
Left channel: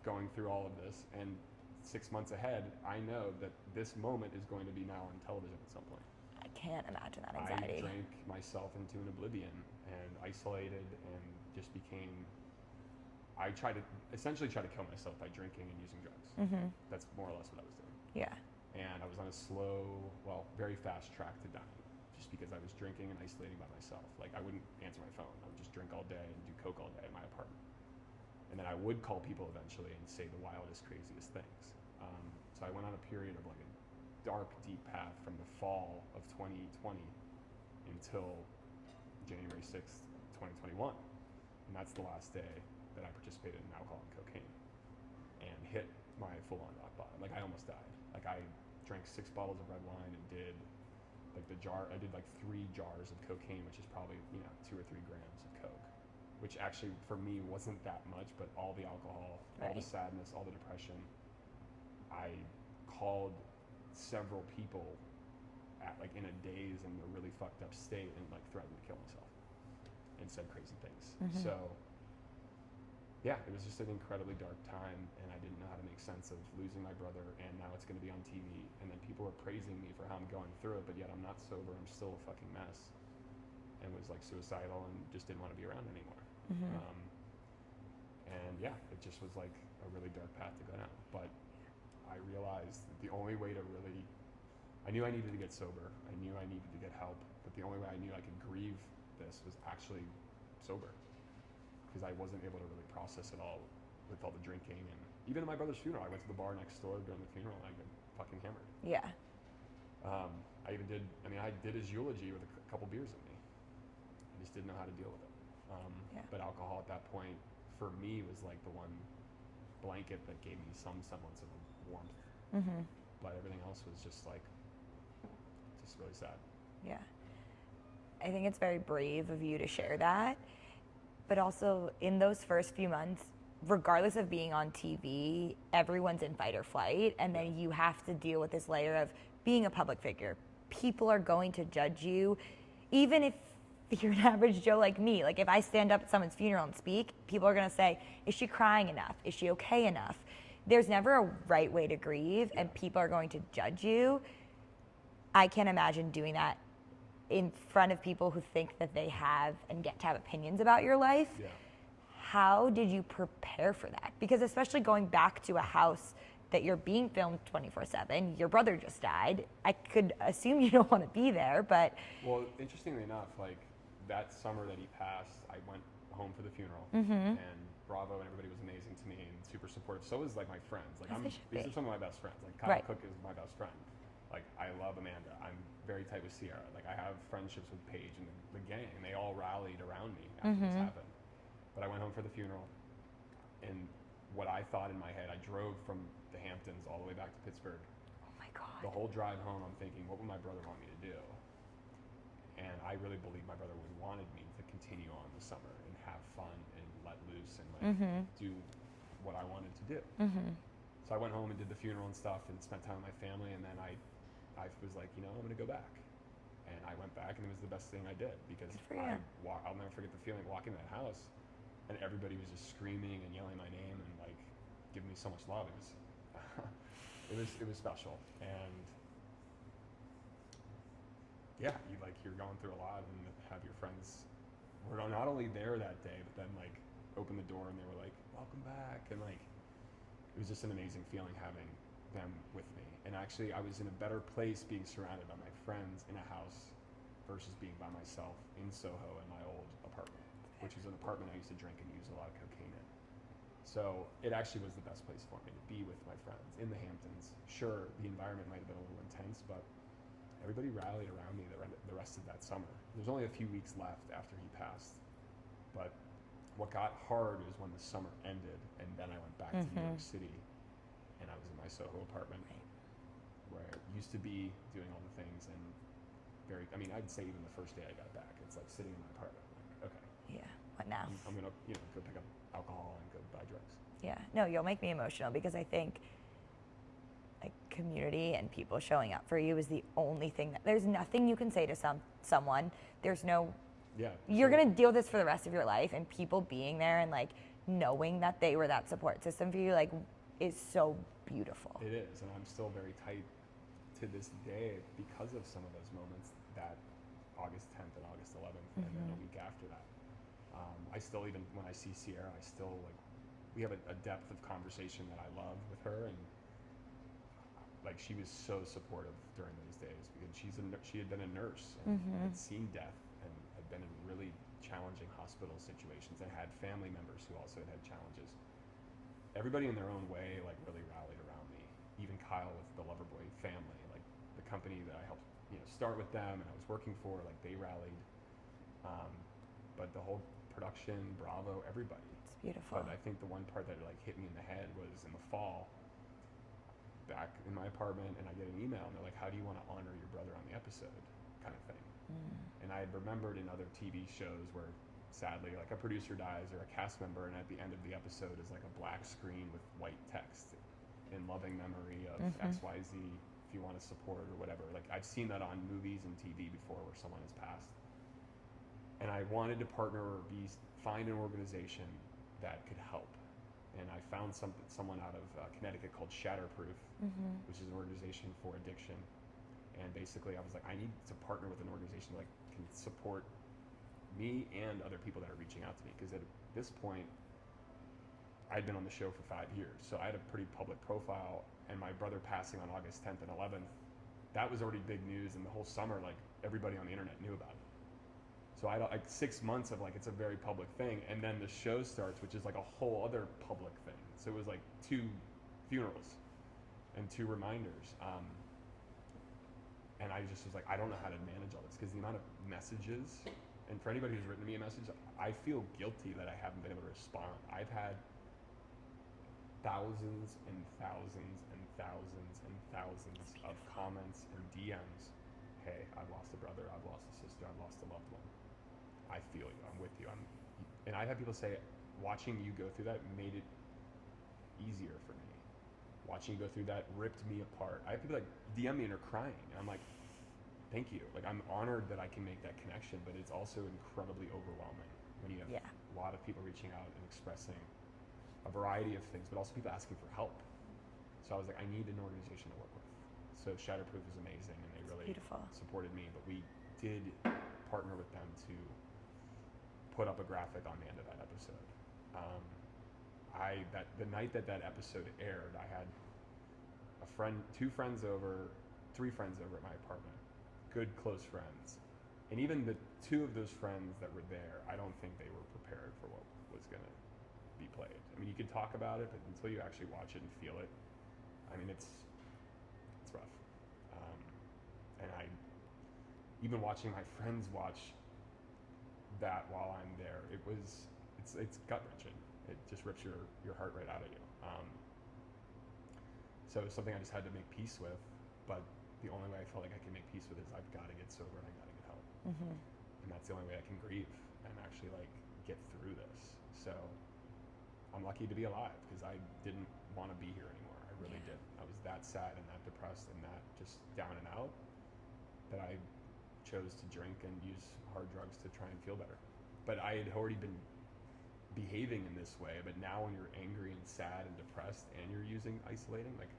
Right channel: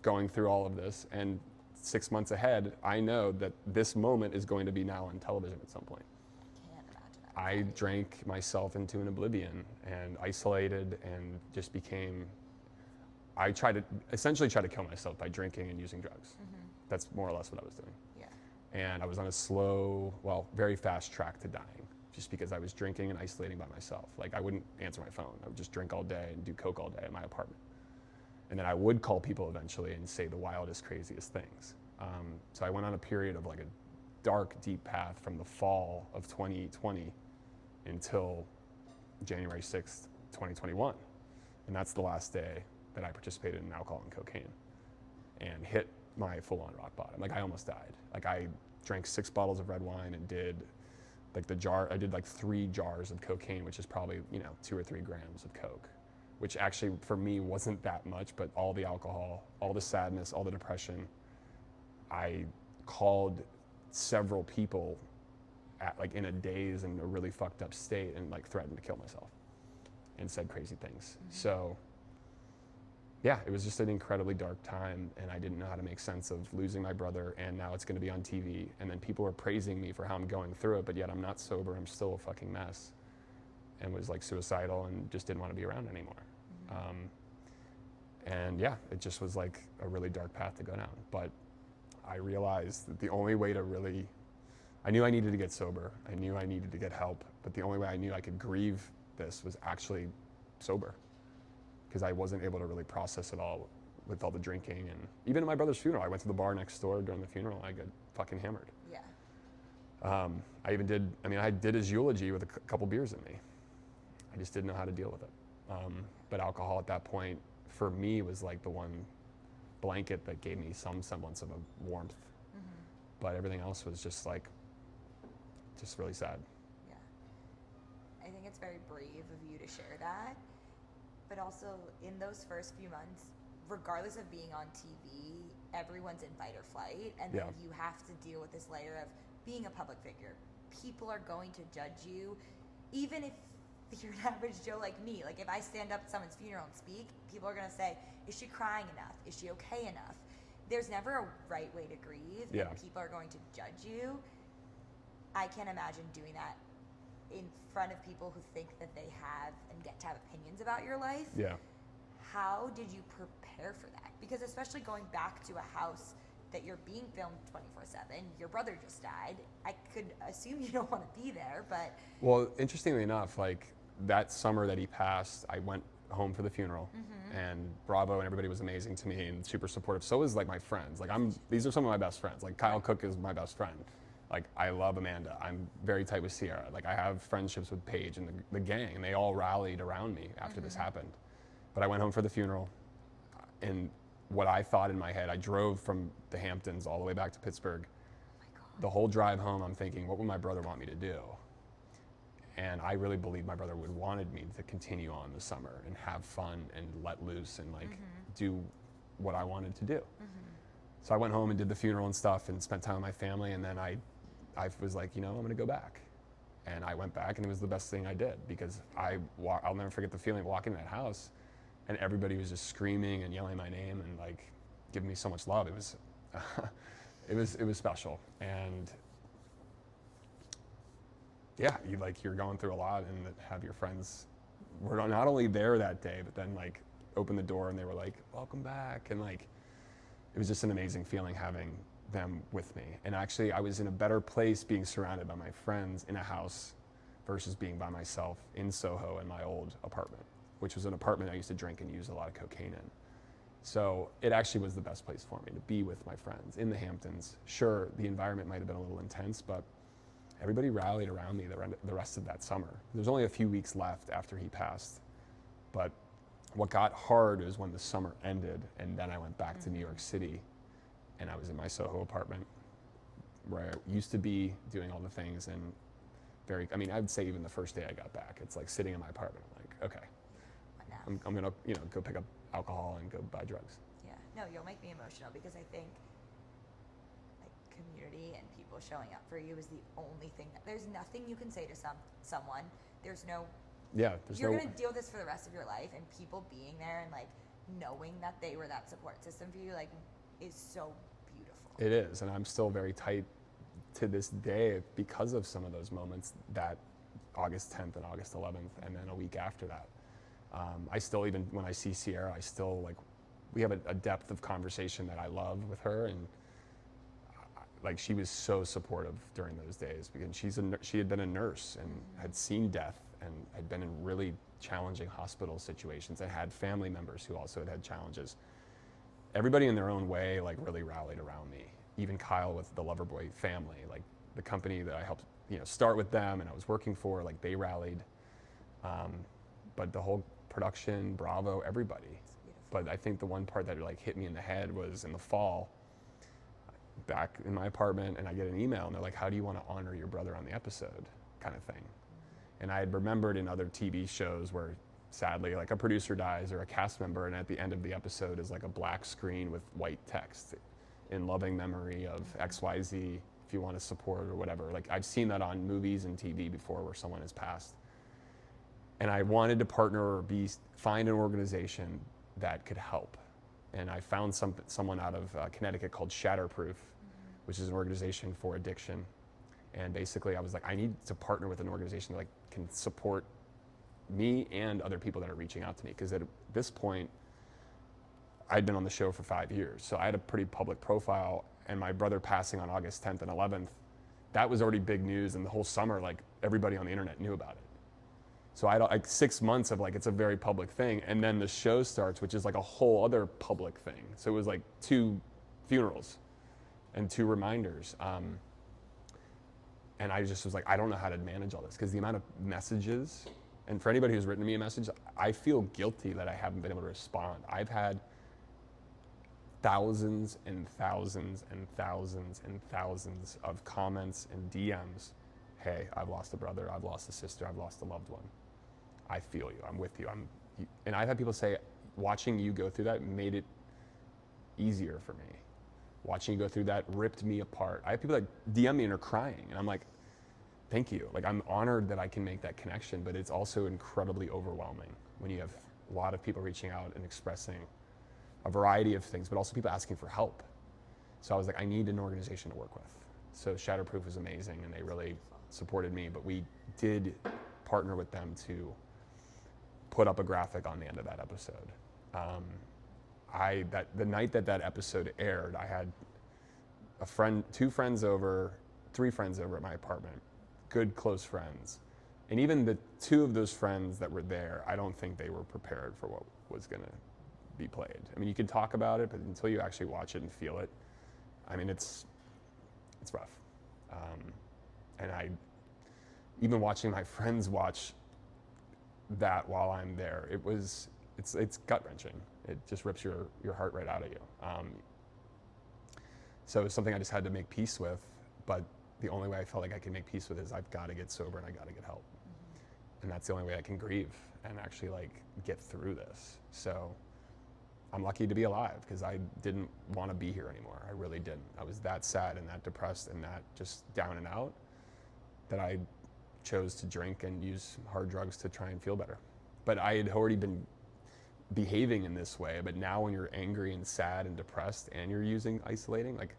going through all of this, and 6 months ahead, I know that this moment is going to be now on television at some point. I can't imagine that anxiety. I drank myself into an oblivion and isolated and just I essentially tried to kill myself by drinking and using drugs. That's more or less what I was doing. Yeah. And I was on a slow, very fast track to dying, just because I was drinking and isolating by myself. Like, I wouldn't answer my phone. I would just drink all day and do coke all day at my apartment. And then I would call people eventually and say the wildest, craziest things. So I went on a period of like a dark, deep path from the fall of 2020 until January 6th, 2021. And that's the last day that I participated in alcohol and cocaine and hit my full-on rock bottom. Like, I almost died. Like, I drank 6 bottles of red wine and did I did like 3 jars of cocaine, which is probably, 2 or 3 grams of coke, which actually for me wasn't that much, but all the alcohol, all the sadness, all the depression, I called several people like in a daze and a really fucked up state, and like threatened to kill myself and said crazy things. So yeah, it was just an incredibly dark time, and I didn't know how to make sense of losing my brother, and now it's going to be on TV, and then people are praising me for how I'm going through it, but yet I'm not sober. I'm still a fucking mess, and was like suicidal and just didn't want to be around anymore. And yeah, it just was like a really dark path to go down. But I realized that the only way to really, I knew I needed to get sober. I knew I needed to get help, but the only way I knew I could grieve this was actually sober, because I wasn't able to really process it all with all the drinking. And even at my brother's funeral, I went to the bar next door during the funeral, and I got fucking hammered. Yeah. I did his eulogy with a couple beers in me. I just didn't know how to deal with it. But alcohol at that point, for me, was like the one blanket that gave me some semblance of a warmth. But everything else was just like, just really sad. Yeah. I think it's very brave of you to share that. But also, in those first few months, regardless of being on TV, everyone's in fight or flight. And then you have to deal with this layer of being a public figure. People are going to judge you, even if you're an average Joe like me. Like, if I stand up at someone's funeral and speak, people are going to say, is she crying enough? Is she okay enough? There's never a right way to grieve, and people are going to judge you. I can't imagine doing that in front of people who think that they have and get to have opinions about your life. Yeah. How did you prepare for that? Because especially going back to a house that you're being filmed 24/7, your brother just died. I could assume you don't want to be there, but... Well, interestingly enough, like that summer that he passed, I went home for the funeral, and Bravo and everybody was amazing to me and super supportive. So was like my friends. Like these are some of my best friends. Like Kyle Cook is my best friend. Like, I love Amanda. I'm very tight with Sierra. Like, I have friendships with Paige and the gang, and they all rallied around me after this happened. But I went home for the funeral, and what I thought in my head, I drove from the Hamptons all the way back to Pittsburgh. Oh my God. The whole drive home, I'm thinking, what would my brother want me to do? And I really believed my brother would wanted me to continue on the summer and have fun and let loose and like do what I wanted to do. So I went home and did the funeral and stuff and spent time with my family, and then I was like, I'm gonna go back. And I went back, and it was the best thing I did, because I'll never forget the feeling of walking in that house, and everybody was just screaming and yelling my name and like giving me so much love. It was, it was special. And yeah, you're going through a lot, and have your friends were not only there that day, but then like opened the door and they were like, welcome back. And like, it was just an amazing feeling having them with me. And actually, I was in a better place being surrounded by my friends in a house versus being by myself in Soho in my old apartment, which was an apartment I used to drink and use a lot of cocaine in. So it actually was the best place for me to be with my friends in the Hamptons. Sure, the environment might have been a little intense, but everybody rallied around me the rest of that summer. There's only a few weeks left after he passed, but what got hard was when the summer ended, and then I went back to New York City, and I was in my Soho apartment where I used to be doing all the things, and I would say even the first day I got back, it's like sitting in my apartment, like, okay. Yeah, what now? I'm gonna, go pick up alcohol and go buy drugs. Yeah, no, you'll make me emotional, because I think like community and people showing up for you is the only thing there's nothing you can say to someone. There's no, you're gonna deal with this for the rest of your life, and people being there and like knowing that they were that support system for you, like, is so beautiful. It is, and I'm still very tight to this day because of some of those moments, that August 10th and August 11th, and then a week after that. I still, even when I see Sierra, I still like, we have a depth of conversation that I love with her, and like, she was so supportive during those days, because she had been a nurse and had seen death and had been in really challenging hospital situations and had family members who also had challenges. Everybody in their own way like really rallied around me. Even Kyle with the Loverboy family, like the company that I helped start with them and I was working for, like they rallied. But the whole production, Bravo, everybody. It's beautiful. But I think the one part that like hit me in the head was in the fall, back in my apartment, and I get an email and they're like, how do you want to honor your brother on the episode, kind of thing. And I had remembered in other TV shows where sadly like a producer dies or a cast member, and at the end of the episode is like a black screen with white text, in loving memory of XYZ if you want to support or whatever. Like I've seen that on movies and TV before where someone has passed. And I wanted to partner or find an organization that could help. And I found someone out of Connecticut called Shatterproof, which is an organization for addiction. And basically I was like, I need to partner with an organization that like can support me and other people that are reaching out to me. Because at this point, I'd been on the show for 5 years. So I had a pretty public profile, and my brother passing on August 10th and 11th, that was already big news. And the whole summer, like everybody on the internet knew about it. So I had like 6 months of like, it's a very public thing. And then the show starts, which is like a whole other public thing. So it was like 2 funerals and 2 reminders. And I just was like, I don't know how to manage all this, because the amount of messages, and for anybody who's written me a message, I feel guilty that I haven't been able to respond. I've had thousands and thousands and thousands and thousands of comments and DMs. Hey, I've lost a brother, I've lost a sister, I've lost a loved one. I feel you, I'm with you. And I've had people say, watching you go through that made it easier for me. Watching you go through that ripped me apart. I have people that DM me and are crying, and I'm like, thank you. Like, I'm honored that I can make that connection, but it's also incredibly overwhelming when you have a lot of people reaching out and expressing a variety of things, but also people asking for help. So I was like, I need an organization to work with. So Shatterproof was amazing, and they really supported me, but we did partner with them to put up a graphic on the end of that episode. The night that episode aired, I had a friend, 2 friends over, 3 friends over at my apartment, good close friends. And even the 2 of those friends that were there, I don't think they were prepared for what was gonna be played. I mean, you can talk about it, but until you actually watch it and feel it, I mean, it's rough. And even watching my friends watch that while I'm there, it's gut-wrenching. It just rips your heart right out of you. So it's something I just had to make peace with, but the only way I felt like I can make peace with it is I've got to get sober and I got to get help. And that's the only way I can grieve and actually like get through this. So I'm lucky to be alive, because I didn't want to be here anymore. I really didn't. I was that sad and that depressed and that just down and out that I chose to drink and use hard drugs to try and feel better. But I had already been behaving in this way, but now when you're angry and sad and depressed and you're using isolating, like,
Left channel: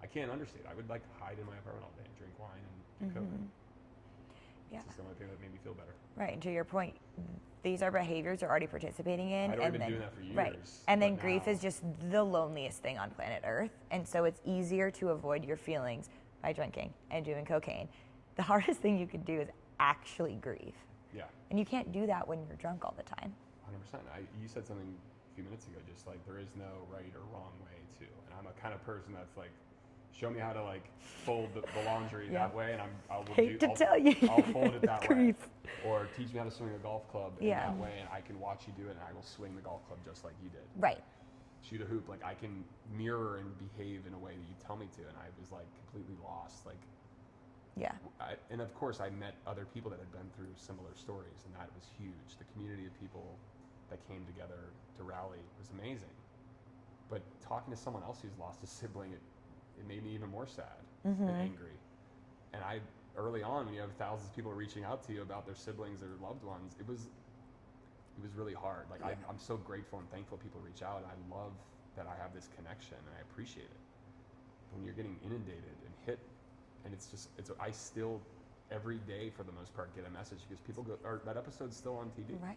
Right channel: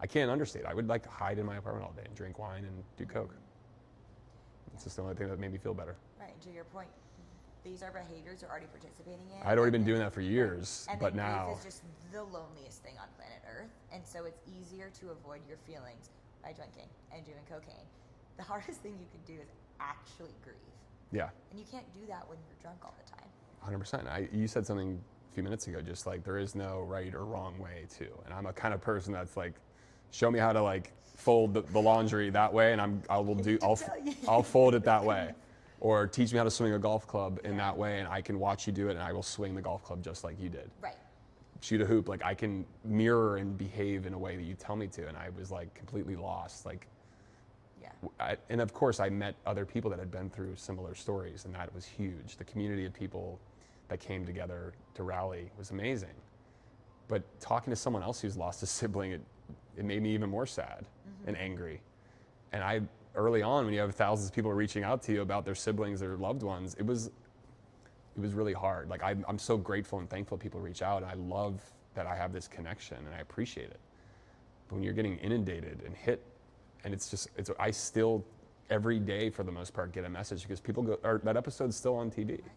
I can't understate. I would like hide in my apartment all day and drink wine and do coke. It's just the only thing that made me feel better. Right, and to your point, these are behaviors you're already participating in. I'd already been doing that for years. Right. And then grief is just the loneliest thing on planet Earth. And so it's easier to avoid your feelings by drinking and doing cocaine. The hardest thing you can do is actually grieve. Yeah. And you can't do that when you're drunk all the time. 100%. You said something a few minutes ago, just like there is no right or wrong way to. And I'm a kind of person that's like, show me how to like fold the laundry that way, and I'll fold it that way. Or teach me how to swing a golf club in that way, and I can watch you do it, and I will swing the golf club just like you did. Right. Shoot a hoop, like I can mirror and behave in a way that you tell me to, and I was like completely lost. Like, and of course I met other people that had been through similar stories, and that was huge. The community of people that came together to rally was amazing. But talking to someone else who's lost a sibling, it made me even more sad and angry. And early on, when you have thousands of people reaching out to you about their siblings or loved ones, it was really hard. Like I'm so grateful and thankful people reach out, and I love that I have this connection, and I appreciate it. But when you're getting inundated and hit, and I still every day for the most part get a message, because people go, or that episode's still on TV. Right.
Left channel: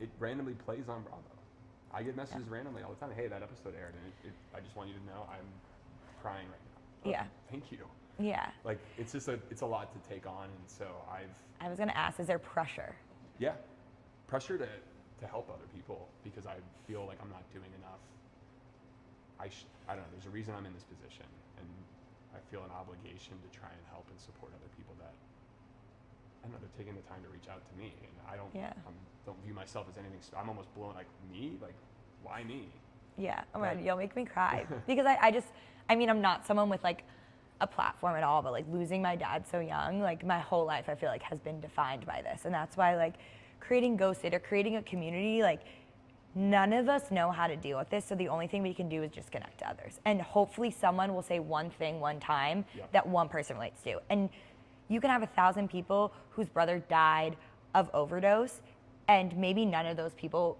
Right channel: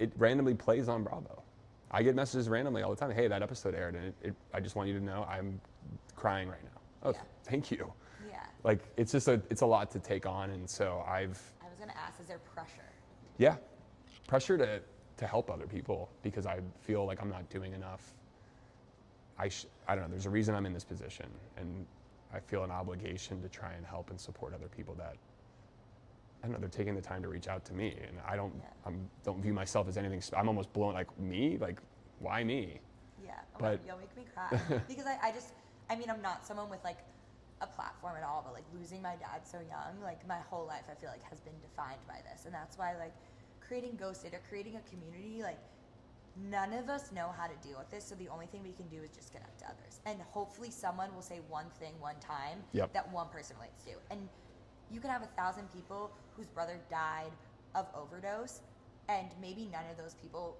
It randomly plays on Bravo. I get messages randomly all the time. Hey, that episode aired, and I just want you to know I'm crying right now. Oh, thank you. Yeah. Like, it's a lot to take on, and so I was going to ask, is there pressure? Yeah. Pressure to help other people, because I feel like I'm not doing enough. I don't know, there's a reason I'm in this position, and I feel an obligation to try and help and support other people that, I don't know, they're taking the time to reach out to me, and I don't view myself as anything, I'm almost blown, like, me? Like, why me? Yeah, you'll make me cry. Because I'm not someone with like a platform at all, but like losing my dad so young, like my whole life I feel like has been defined by this. And that's why like creating Ghost It or creating a community, like none of us know how to deal with this, so the only thing we can do is just connect to others. And hopefully someone will say one thing one time that one person relates to. And you can have 1,000 people whose brother died of overdose, and maybe none of those people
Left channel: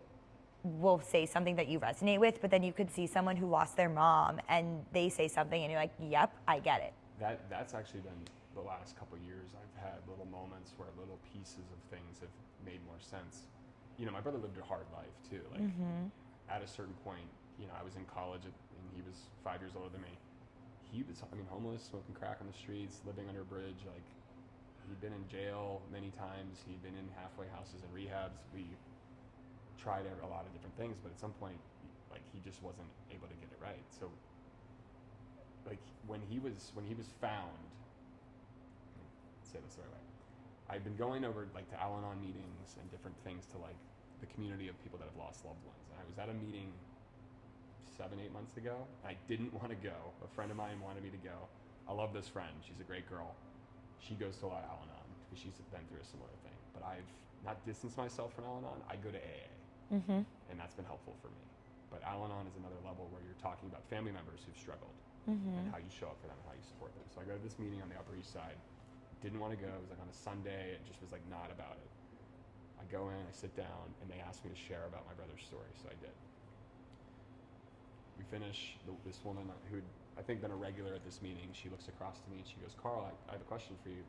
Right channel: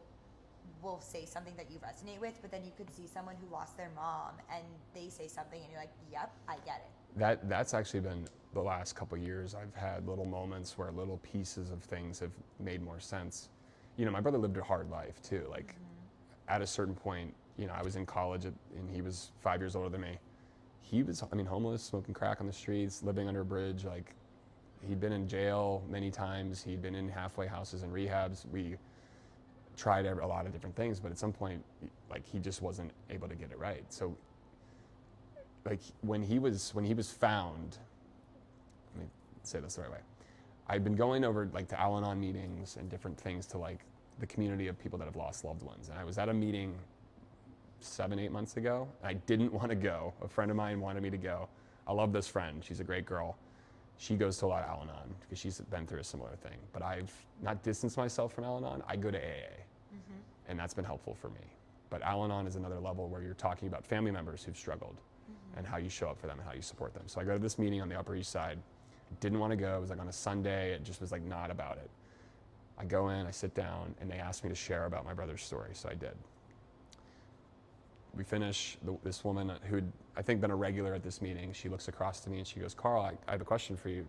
will say something that you resonate with, but then you could see someone who lost their mom and they say something and you're like, yep, I get it. That's actually been the last couple of years. I've had little moments where little pieces of things have made more sense. You know, my brother lived a hard life too. Like at a certain point, you know, I was in college and he was 5 years older than me. He was, I mean, homeless, smoking crack on the streets, living under a bridge. Like, he'd been in jail many times. He'd been in halfway houses and rehabs. We tried a lot of different things, but at some point, like, he just wasn't able to get it right. So, like, when he was found, let me say this the right way. I'd been going over, like, to Al-Anon meetings and different things to, like, the community of people that have lost loved ones. And I was at a meeting 7-8 months ago. I didn't want to go. A friend of mine wanted me to go. I love this friend. She's a great girl. She goes to a lot of Al-Anon because she's been through a similar thing. But I've not distanced myself from Al-Anon. I go to AA, and that's been helpful for me. But Al-Anon is another level where you're talking about family members who've struggled and how you show up for them and how you support them. So I go to this meeting on the Upper East Side. Didn't want to go. It was like on a Sunday. It just was like not about it. I go in, I sit down, and they asked me to share about my brother's story, so I did. We finish, this woman who'd, I think, been a regular at this meeting, she looks across to me and she goes, Carl, I have a question for you.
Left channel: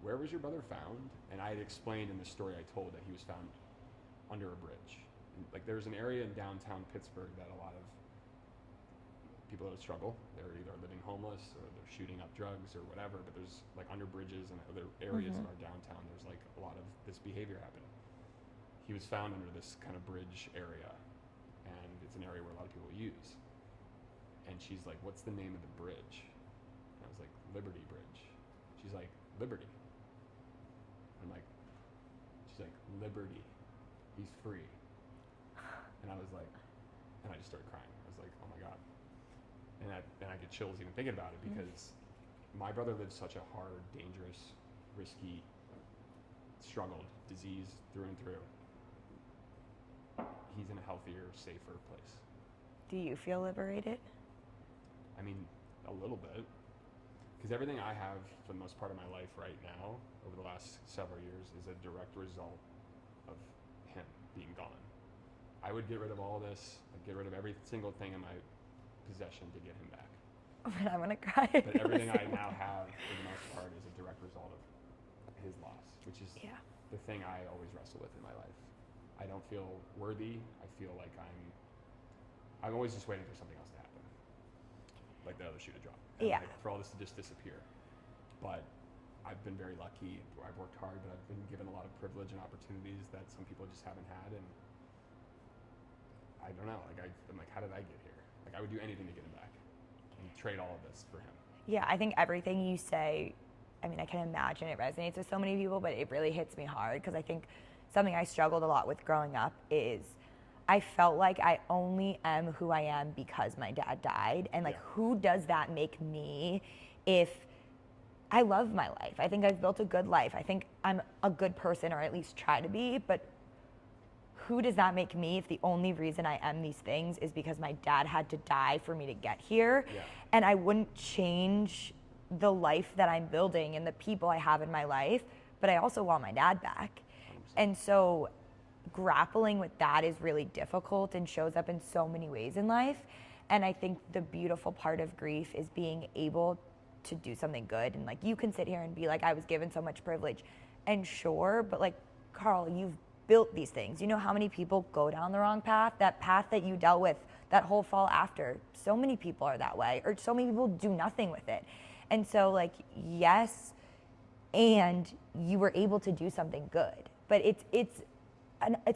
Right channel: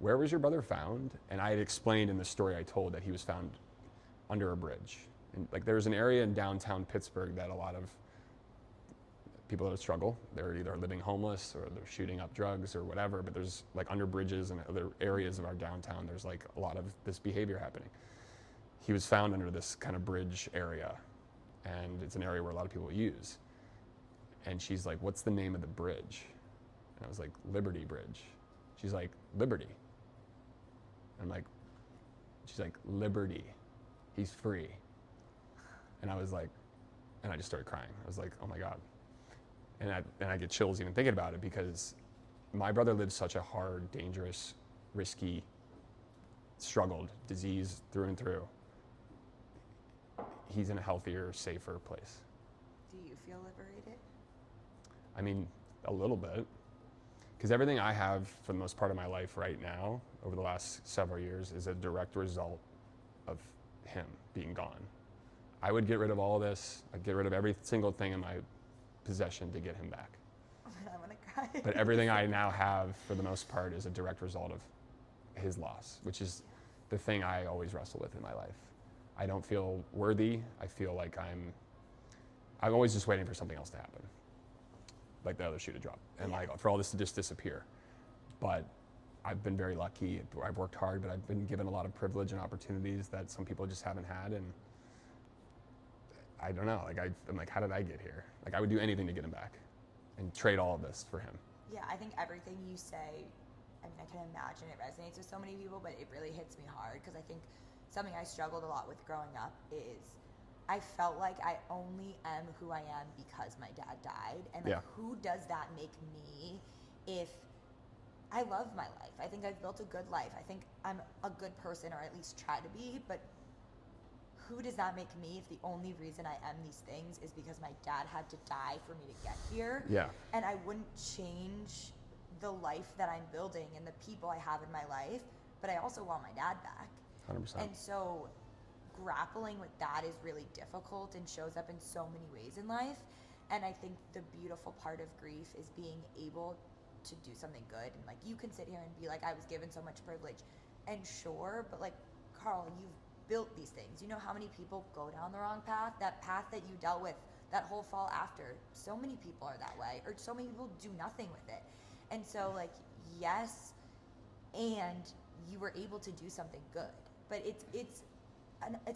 Where was your brother found? And I had explained in the story I told that he was found under a bridge. And, like, there's an area in downtown Pittsburgh that a lot of people that struggle, they're either living homeless or they're shooting up drugs or whatever, but there's, like, under bridges and other areas of our downtown, there's, like, a lot of this behavior happening. He was found under this kind of bridge area, and it's an area where a lot of people use. And she's like, what's the name of the bridge? And I was like, Liberty Bridge. She's like, Liberty. I'm like, she's like, Liberty. He's free. And I was like, and I just started crying. I was like, oh my God. And I get chills even thinking about it because my brother lived such a hard, dangerous, risky, struggled, disease through and through. He's in a healthier, safer place. Do you feel liberated? I mean, a little bit. Because everything I have for the most part of my life right now, over the last several years, is a direct result of him being gone. I would get rid of all this. I'd get rid of every single thing in my possession to get him back. Oh, man, I'm gonna cry. But everything I now have, for the most part, is a direct result of his loss, which is the thing I always wrestle with in my life. I don't feel worthy. I feel like I'm always just waiting for something else to happen, like the other shoe to drop, and like, for all this to just disappear. But I've been very lucky. I've worked hard, but I've been given a lot of privilege and opportunities that some people just haven't had, and I don't know. Like, I'm like, how did I get here? Like, I would do anything to get him back and trade all of this for him. Yeah, I think everything you say, I mean, I can imagine it resonates with so many people, but it really hits me hard because I think something I struggled a lot with growing up is I felt like I only am who I am because my dad died. And, like, who does that make me if I love my life? I think I've built a good life. I think I'm a good person, or at least try to be, but who does that make me if the only reason I am these things is because my dad had to die for me to get here? Yeah. And I wouldn't change the life that I'm building and the people I have in my life, but I also want my dad back. 100%. And so grappling with that is really difficult and shows up in so many ways in life. And I think the beautiful part of grief is being able to do something good. And, like, you can sit here and be like, I was given so much privilege. And sure, but, like, Carl, you've built these things. You know how many people go down the wrong path? That path that you dealt with, that whole fall after. So many people are that way, or so many people do nothing with it. And so, like, yes, and you were able to do something good. But it's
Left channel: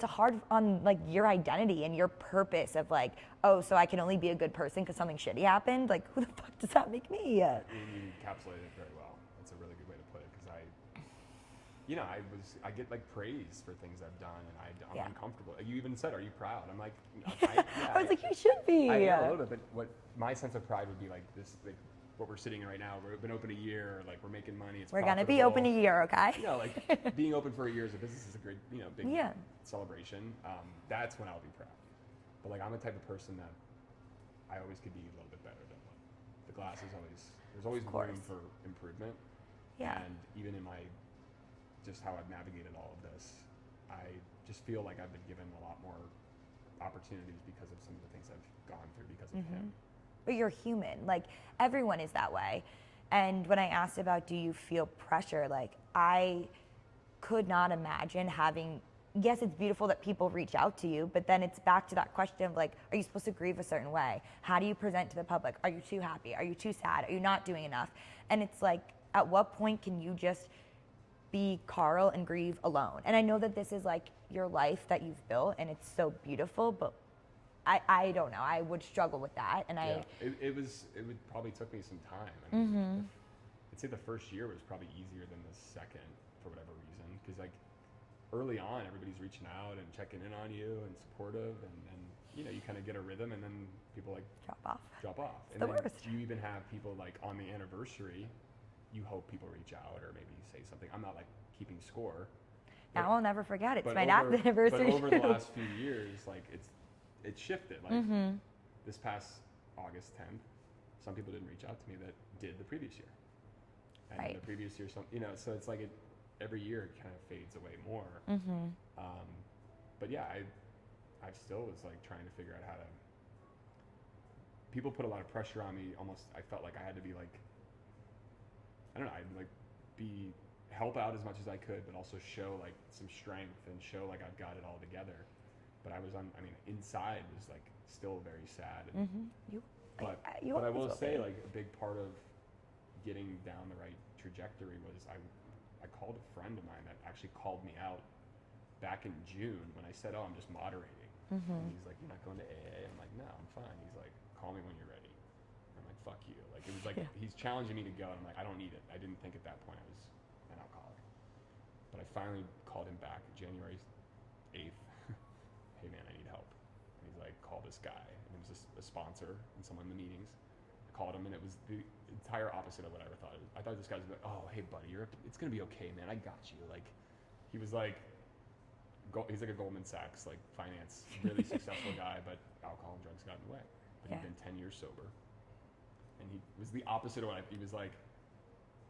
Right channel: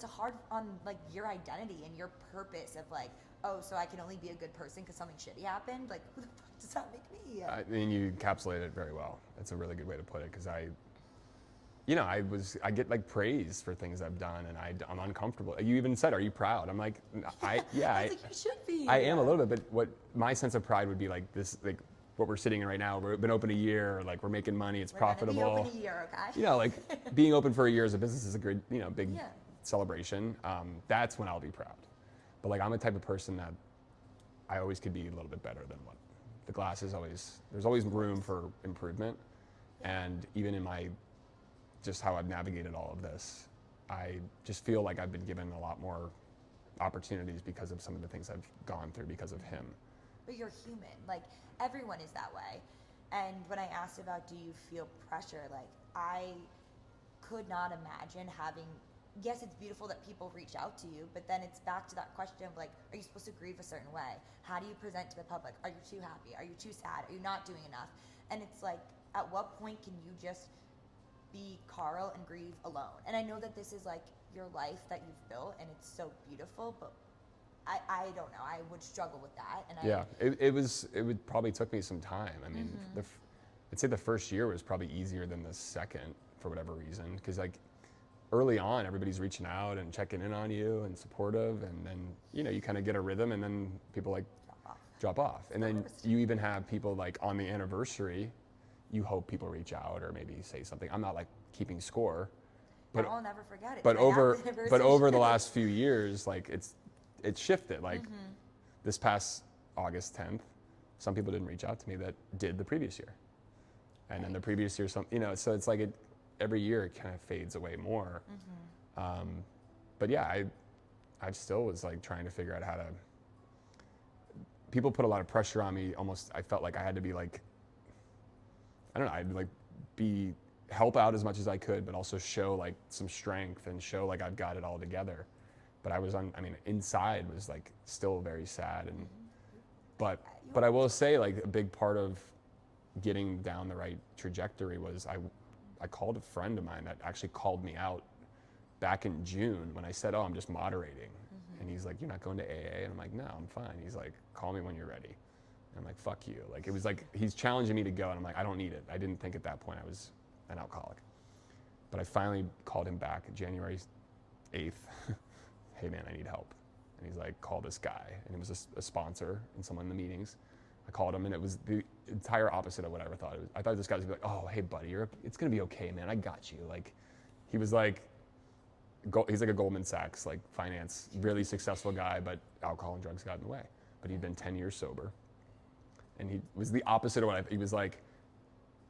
a hard on, like, your identity and your purpose of, like, oh, so I can only be a good person because something shitty happened? Like, who the fuck does that make me? I mean, you encapsulate it very well. It's a really good way to put it, because I get, like, praise for things I've done, and I'm uncomfortable. You even said, are you proud? I'm like, I was like, you should be. I am a little bit, but what my sense of pride would be, like, this, like, what we're sitting in right now, we've been open a year, like, we're making money, it's profitable. We're gonna be open a year, okay? You know, like, being open for a year as a business is a great, big celebration. That's when I'll be proud. But like I'm the type of person that I always could be a little bit better than what the glass is always. There's always room for improvement. Yeah. And even in my just how I've navigated all of this, I just feel like I've been given a lot more opportunities because of some of the things I've gone through because of him. But you're human. Like, everyone is that way. And when I asked about do you feel pressure, like, I could not imagine having, yes, it's beautiful that people reach out to you, but then it's back to that question of like, are you supposed to grieve a certain way? How do you present to the public? Are you too happy? Are you too sad? Are you not doing enough? And it's like, at what point can you just be Carl and grieve alone? And I know that this is like your life that you've built and it's so beautiful, but I don't know. I would struggle with that. And it would probably took me some time. I mean, I'd say the first year was probably easier than the second for whatever reason. Because like early on, everybody's reaching out and checking in on you and supportive. And then, you know, you kind of get a rhythm and then people like drop off. And then you even have people like on the anniversary, you hope people reach out or maybe say something. I'm not like keeping score. Now I'll never forget it. But over the last few years, like it shifted. Like this past August 10th, some people didn't reach out to me that did the previous year. And then the previous year, some, you know, so it's like every year it kind of fades away more. But yeah, I still was like trying to figure out how to, people put a lot of pressure on me. Almost, I felt like I had to be like, I don't know, I'd like help out as much as I could, but also show like some strength and show like I've got it all together. But inside was like still very sad. And, but I will say like a big part of getting down the right trajectory was I called a friend of mine that actually called me out back in June when I said, oh, I'm just moderating. And he's like, you're not going to AA? And I'm like, no, I'm fine. He's like, call me when you're ready. And I'm like, fuck you. Like, it was like, he's challenging me to go. And I'm like, I don't need it. I didn't think at that point I was an alcoholic. But I finally called him back January 8th. Hey man, I need help. And he's like, call this guy. And it was a sponsor and someone in the meetings. I called him and it was the entire opposite of what I ever thought it was. I thought this guy was gonna be like, oh, hey buddy, it's gonna be okay, man. I got you. Like, he was like, he's like a Goldman Sachs, like finance, really successful guy, but alcohol and drugs got in the way. But he'd been 10 years sober. And he was the opposite of he was like,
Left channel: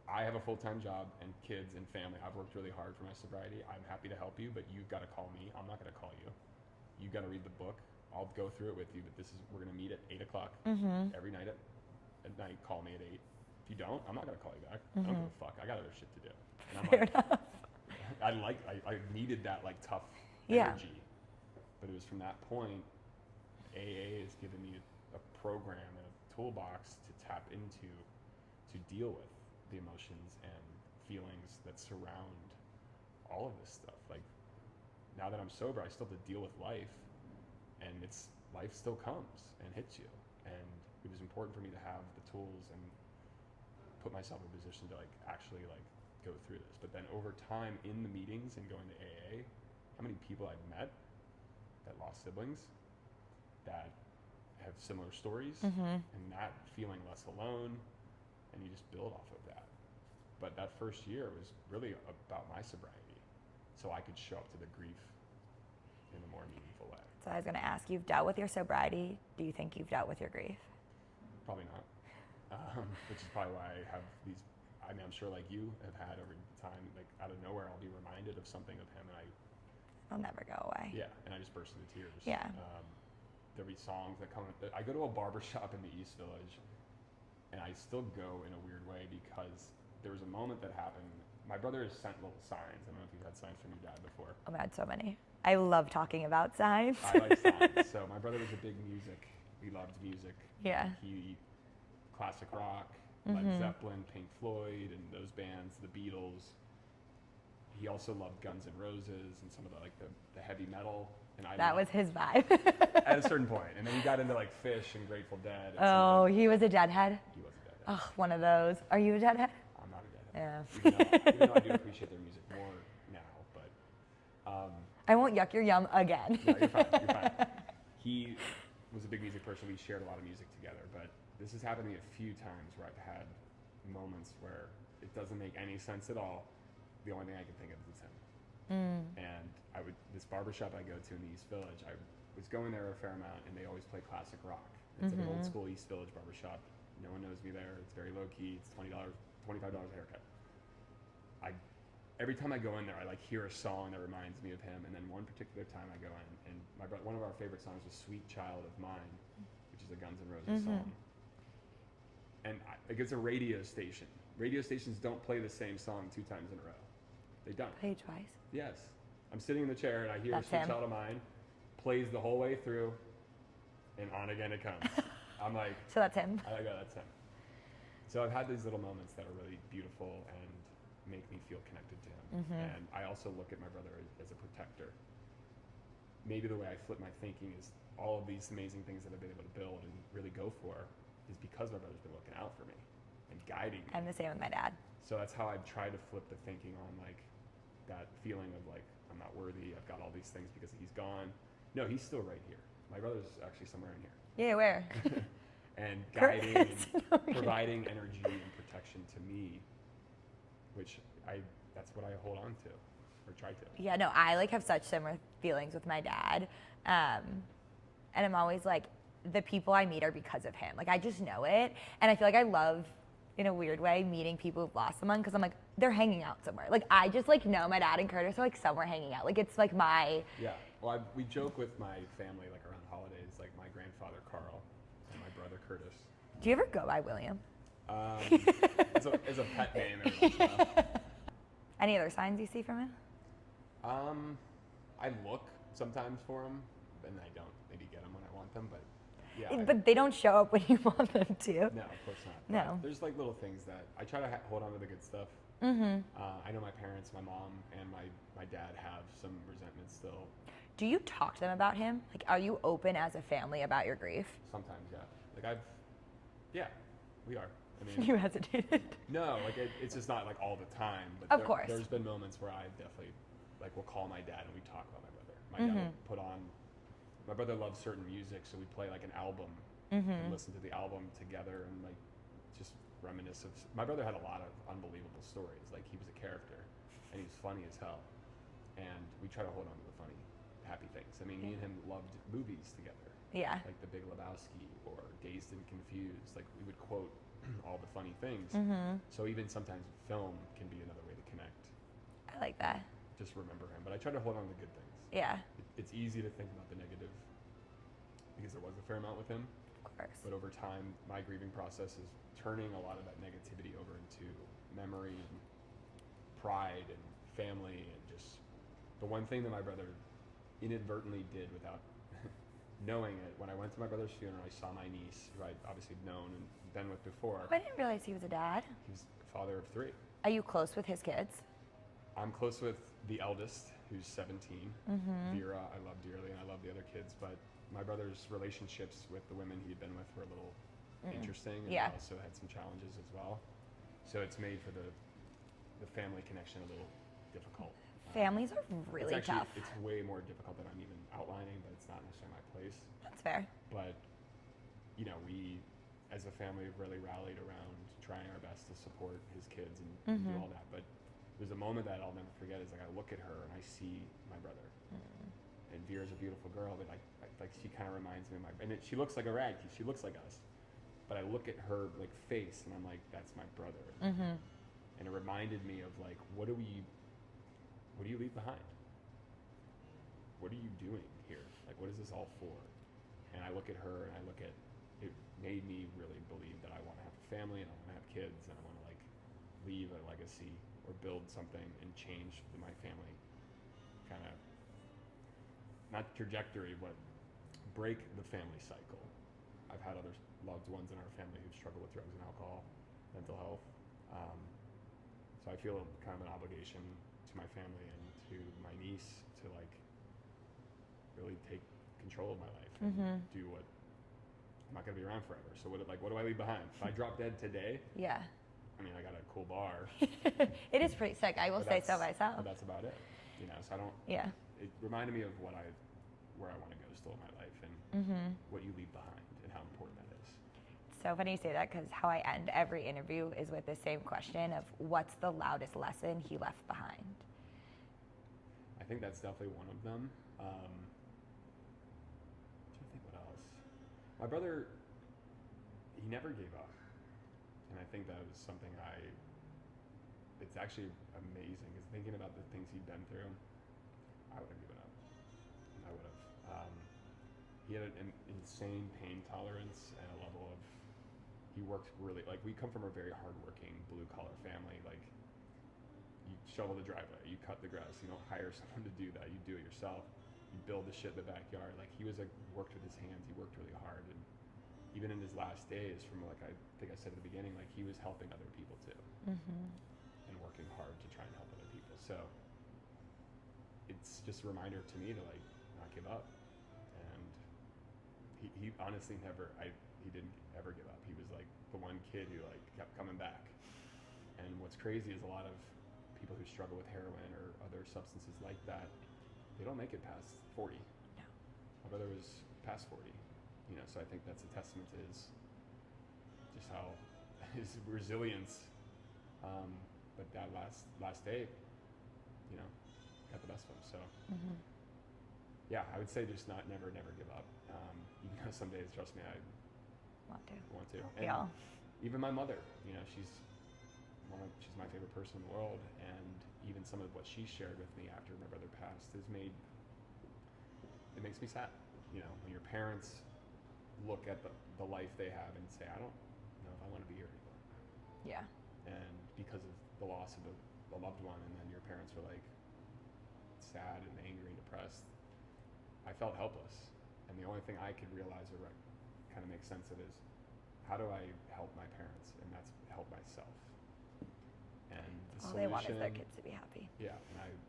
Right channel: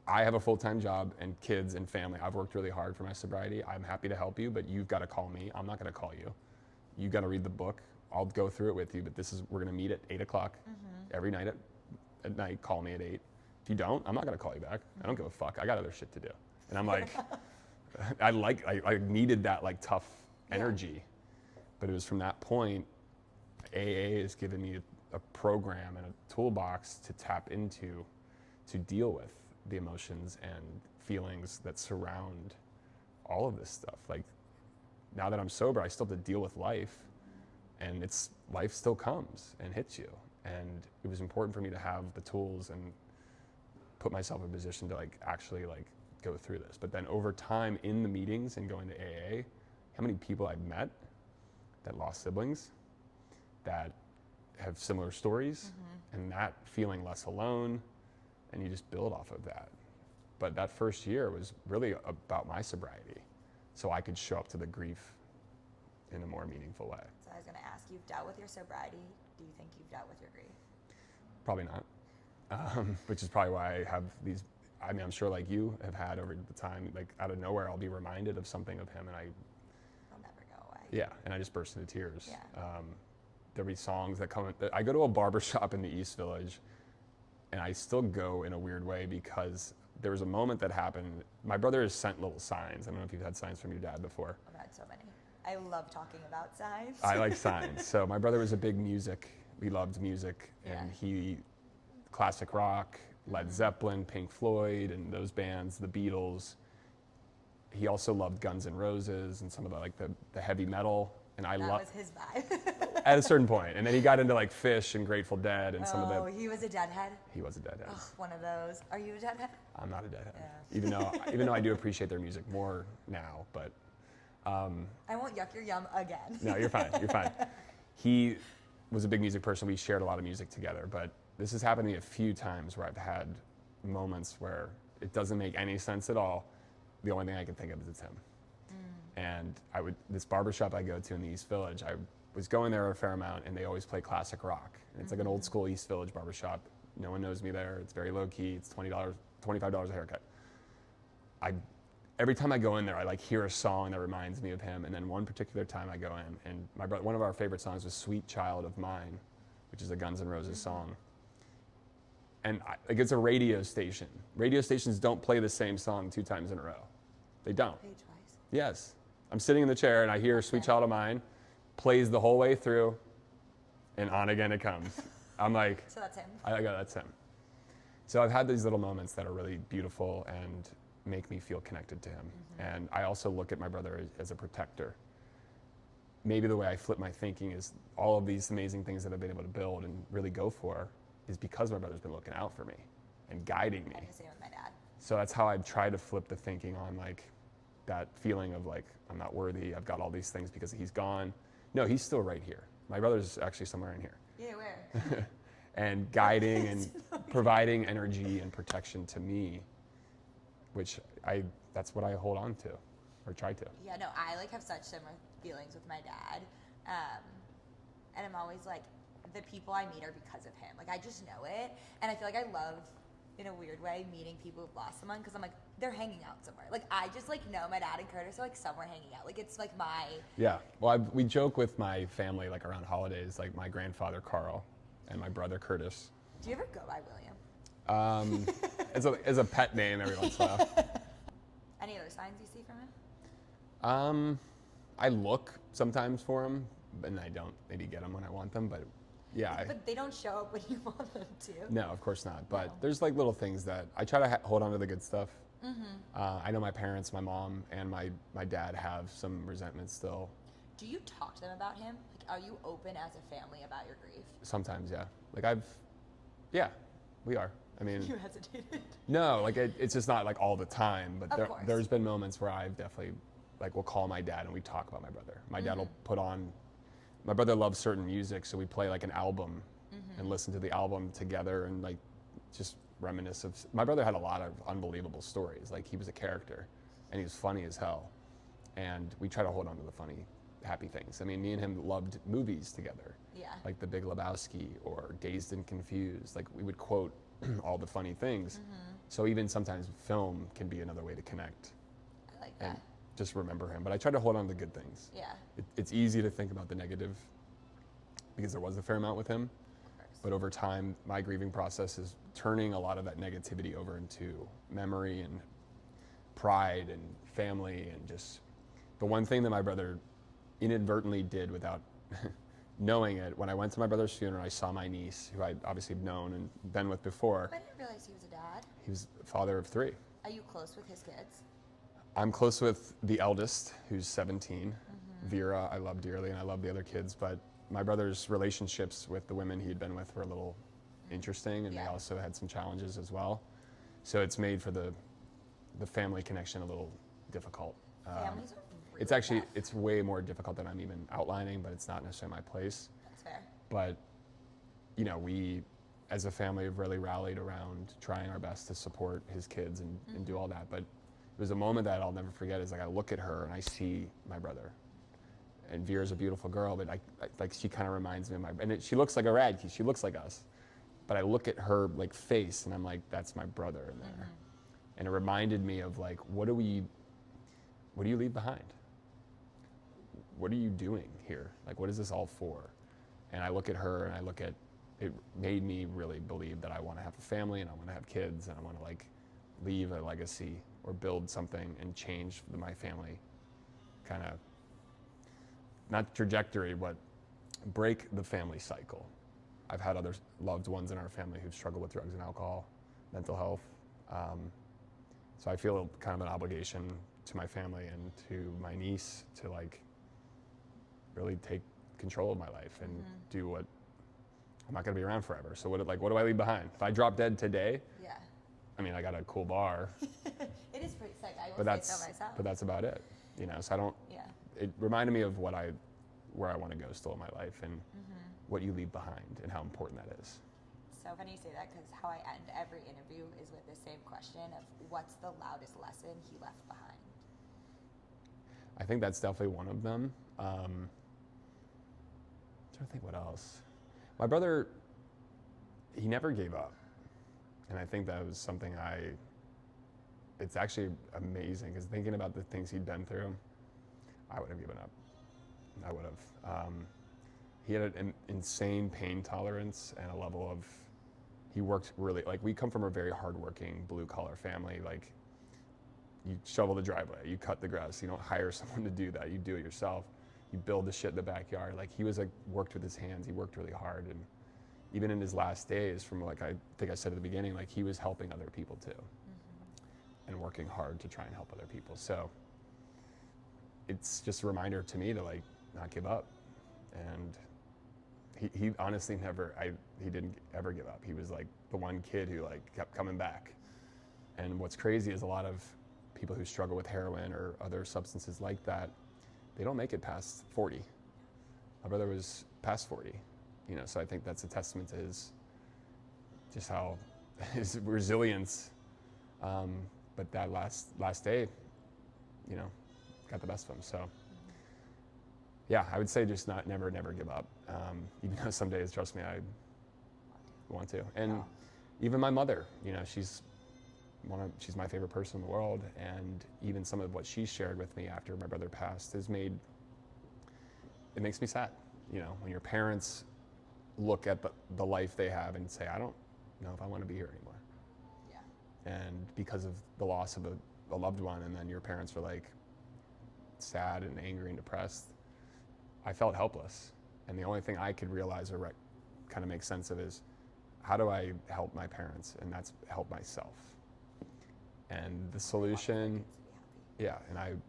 I have a full-time job and kids and family. I've worked really hard for my sobriety. I'm happy to help you, but you've got to call me. I'm not going to call you. You got to read the book. I'll go through it with you, but we're going to meet at 8 o'clock every night at night. Call me at 8. If you don't, I'm not going to call you back. I don't give a fuck. I got other shit to do. And I'm like, I needed that like tough energy. But it was from that point, AA has given me a program and a toolbox to tap into to deal with the emotions and feelings that surround all of this stuff. Like, now that I'm sober, I still have to deal with life, and life still comes and hits you. And it was important for me to have the tools and put myself in a position to like actually like go through this. But then over time in the meetings and going to AA, how many people I've met that lost siblings, that have similar stories, and that feeling less alone, and you just build off of that. But that first year was really about my sobriety, so I could show up to the grief in a more meaningful way. So I was going to ask, you've dealt with your sobriety. Do you think you've dealt with your grief? Probably not, which is probably why I have these, I mean, I'm sure like you have had over the time, like out of nowhere, I'll be reminded of something of him and I'll never go away. Yeah, and I just burst into tears. Yeah. There'll be songs that come, I go to a barbershop in the East Village, and I still go in a weird way because there was a moment that happened. My brother has sent little signs. I don't know if you've had signs from your dad before. I've had so many. I love talking about signs. I like signs. So my brother was a big music. We loved music. Yeah. And he, classic rock, Led Zeppelin, Pink Floyd, and those bands, the Beatles. He also loved Guns N' Roses and some of the like the heavy metal. And that was his vibe. At a certain point. And then he got into like Fish and Grateful Dead. And some of he was a Deadhead? He was a Deadhead. Oh, one of those. Are you a Deadhead? I'm not a Deadhead. Yeah. Even though I do appreciate their music more now, but. I won't yuck your yum again. No, you're fine. You're fine. He was a big music person. We shared a lot of music together, but this has happened to me a few times where I've had moments where it doesn't make any sense at all. The only thing I can think of is it's him. And this barbershop I go to in the East Village, was going there a fair amount, and they always play classic rock. And it's like an old school East Village barbershop. No one knows me there. It's very low key. It's $20, $25 a haircut. Every time I go in there, I like hear a song that reminds me of him. And then one particular time I go in, and one of our favorite songs was "Sweet Child of Mine," which is a Guns N' Roses song. And like it's a radio station. Radio stations don't play the same song 2 times in a row. They don't. Play twice. Yes. I'm sitting in the chair and I hear That's "Sweet him. Child of Mine," plays the whole way through, and on again it comes. I'm like, So that's him. I go, that's him. So I've had these little moments that are really beautiful and make me feel connected to him. And I also look at my brother as a protector. Maybe the way I flip my thinking is all of these amazing things that I've been able to build and really go for is because my brother's been looking out for me and guiding me. I'm the same with my dad. So that's how I've tried to flip the thinking on like that feeling of like, I'm not worthy, I've got all these things because he's gone. No, he's still right here. My brother's actually somewhere in here. Yeah, where? And guiding and providing energy and protection to me, which that's what I hold on to, or try to. Yeah, no, I like have such similar feelings with my dad. And I'm always like, the people I meet are because of him. Like, I just know it. And I feel like I love, in a weird way, meeting people who've lost someone because I'm like, they're hanging out somewhere. Like, I just like know my dad and Curtis are like somewhere hanging out. Like, it's like my... Yeah, well, we joke with my family like around holidays, like my grandfather Carl and my brother Curtis. Do you ever go by William? As a pet name every once in a while. Any other signs you see from him? I look sometimes for them, and I don't maybe get them when I want them, but yeah. But they don't show up when you want them to. No, of course not. But No. there's like little things that I try to hold on to the good stuff. I know my parents, my mom, and my dad have some resentment still. Do you talk to them about him? Like, are you open as a family about your grief? Sometimes, yeah. Like we are. I mean, You hesitated. no, like it's just not like all the time. But Of course. there's been moments where I've definitely will call my dad and we talk about my brother. My dad will put on. My brother loves certain music, so we play like an album and listen to the album together and like just reminisce of. My brother had a lot of unbelievable stories. Like he was a character, and he was funny as hell. And we try to hold on to the funny, happy things. I mean, me and him loved movies together. Yeah. Like The Big Lebowski or Dazed and Confused. Like we would quote all the funny things. So even sometimes film can be another way to connect. I like that. Just remember him. But I try to hold on to the good things. Yeah. It's easy to think about the negative because there was a fair amount with him. Of course. But over time, my grieving process is turning a lot of that negativity over into memory and pride and family and just the one thing that my brother inadvertently did without knowing it. When I went to my brother's funeral, I saw my niece, who I'd obviously known and been with before. I didn't realize he was a dad. He was the father of 3. Are you close with his kids? I'm close with the eldest, who's 17, Vera. I love dearly, and I love the other kids. But my brother's relationships with the women he'd been with were a little interesting, and Yeah. he also had some challenges as well. So it's made for the family connection a little difficult. Families are really It's actually tough. it's way more difficult than I'm even outlining, but it's not necessarily my place. That's fair. But we, as a family, have really rallied around trying our best to support his kids and do all that. But there's a moment that I'll never forget. Is like I look at her and I see my brother, and Vera's a beautiful girl, but like she kind of reminds me of she looks like a Radke. She looks like us, but I look at her like face and I'm like, that's my brother. And it reminded me of like, what do you leave behind? What are you doing here? Like, what is this all for? And I look at her and I look at, it made me really believe that I want to have a family and I want to have kids and I want to like leave a legacy or build something and change my family kind of, not trajectory, but break the family cycle. I've had other loved ones in our family who've struggled with drugs and alcohol, mental health. So I feel kind of an obligation to my family and to my niece to like really take control of my life and do what I'm not going to be around forever. So what do I leave behind? If I drop dead today, Yeah. I mean, I got a cool bar, It is pretty sick. I will but say so myself. but that's about it. So I don't. Yeah. It reminded me of where I want to go still in my life and what you leave behind and how important that is. It's so funny you say that because how I end every interview is with the same question of what's the loudest lesson he left behind? I think that's definitely one of them. else? My brother, he never gave up. And I think that was something it's actually amazing, because thinking about the things he'd been through, I would have given up. I would have. He had an insane pain tolerance and a level of, he worked really, like, we come from a very hardworking blue collar family. Like, you shovel the driveway, you cut the grass, you don't hire someone to do that, you do it yourself. You build the shit in the backyard. Like, he was like, worked with his hands, he worked really hard. And even in his last days, from like I think I said at the beginning, like, he was helping other people too. And working hard to try and help other people. So it's just a reminder to me to, like, not give up. And he honestly he didn't ever give up. He was like the one kid who, like, kept coming back. And what's crazy is a lot of people who struggle with heroin or other substances like that, they don't make it past 40. My brother was past 40, you know, so I think that's a testament to just how his resilience. But that last day, you know, got the best of him. So, yeah, I would say just never give up. Even though some days, trust me, I want to. And even my mother, you know, she's my favorite person in the world. And even some of what she shared with me after my brother passed it makes me sad. You know, when your parents look at the life they have and say, I don't know if I want to be here anymore. Yeah. And because of the loss of a loved one, and then your parents were like sad and angry and depressed, I felt helpless. And the only thing I could realize or kind of make sense of is, how do I help my parents? And that's help myself. And the solution, they wanted their kids to be happy. Yeah, and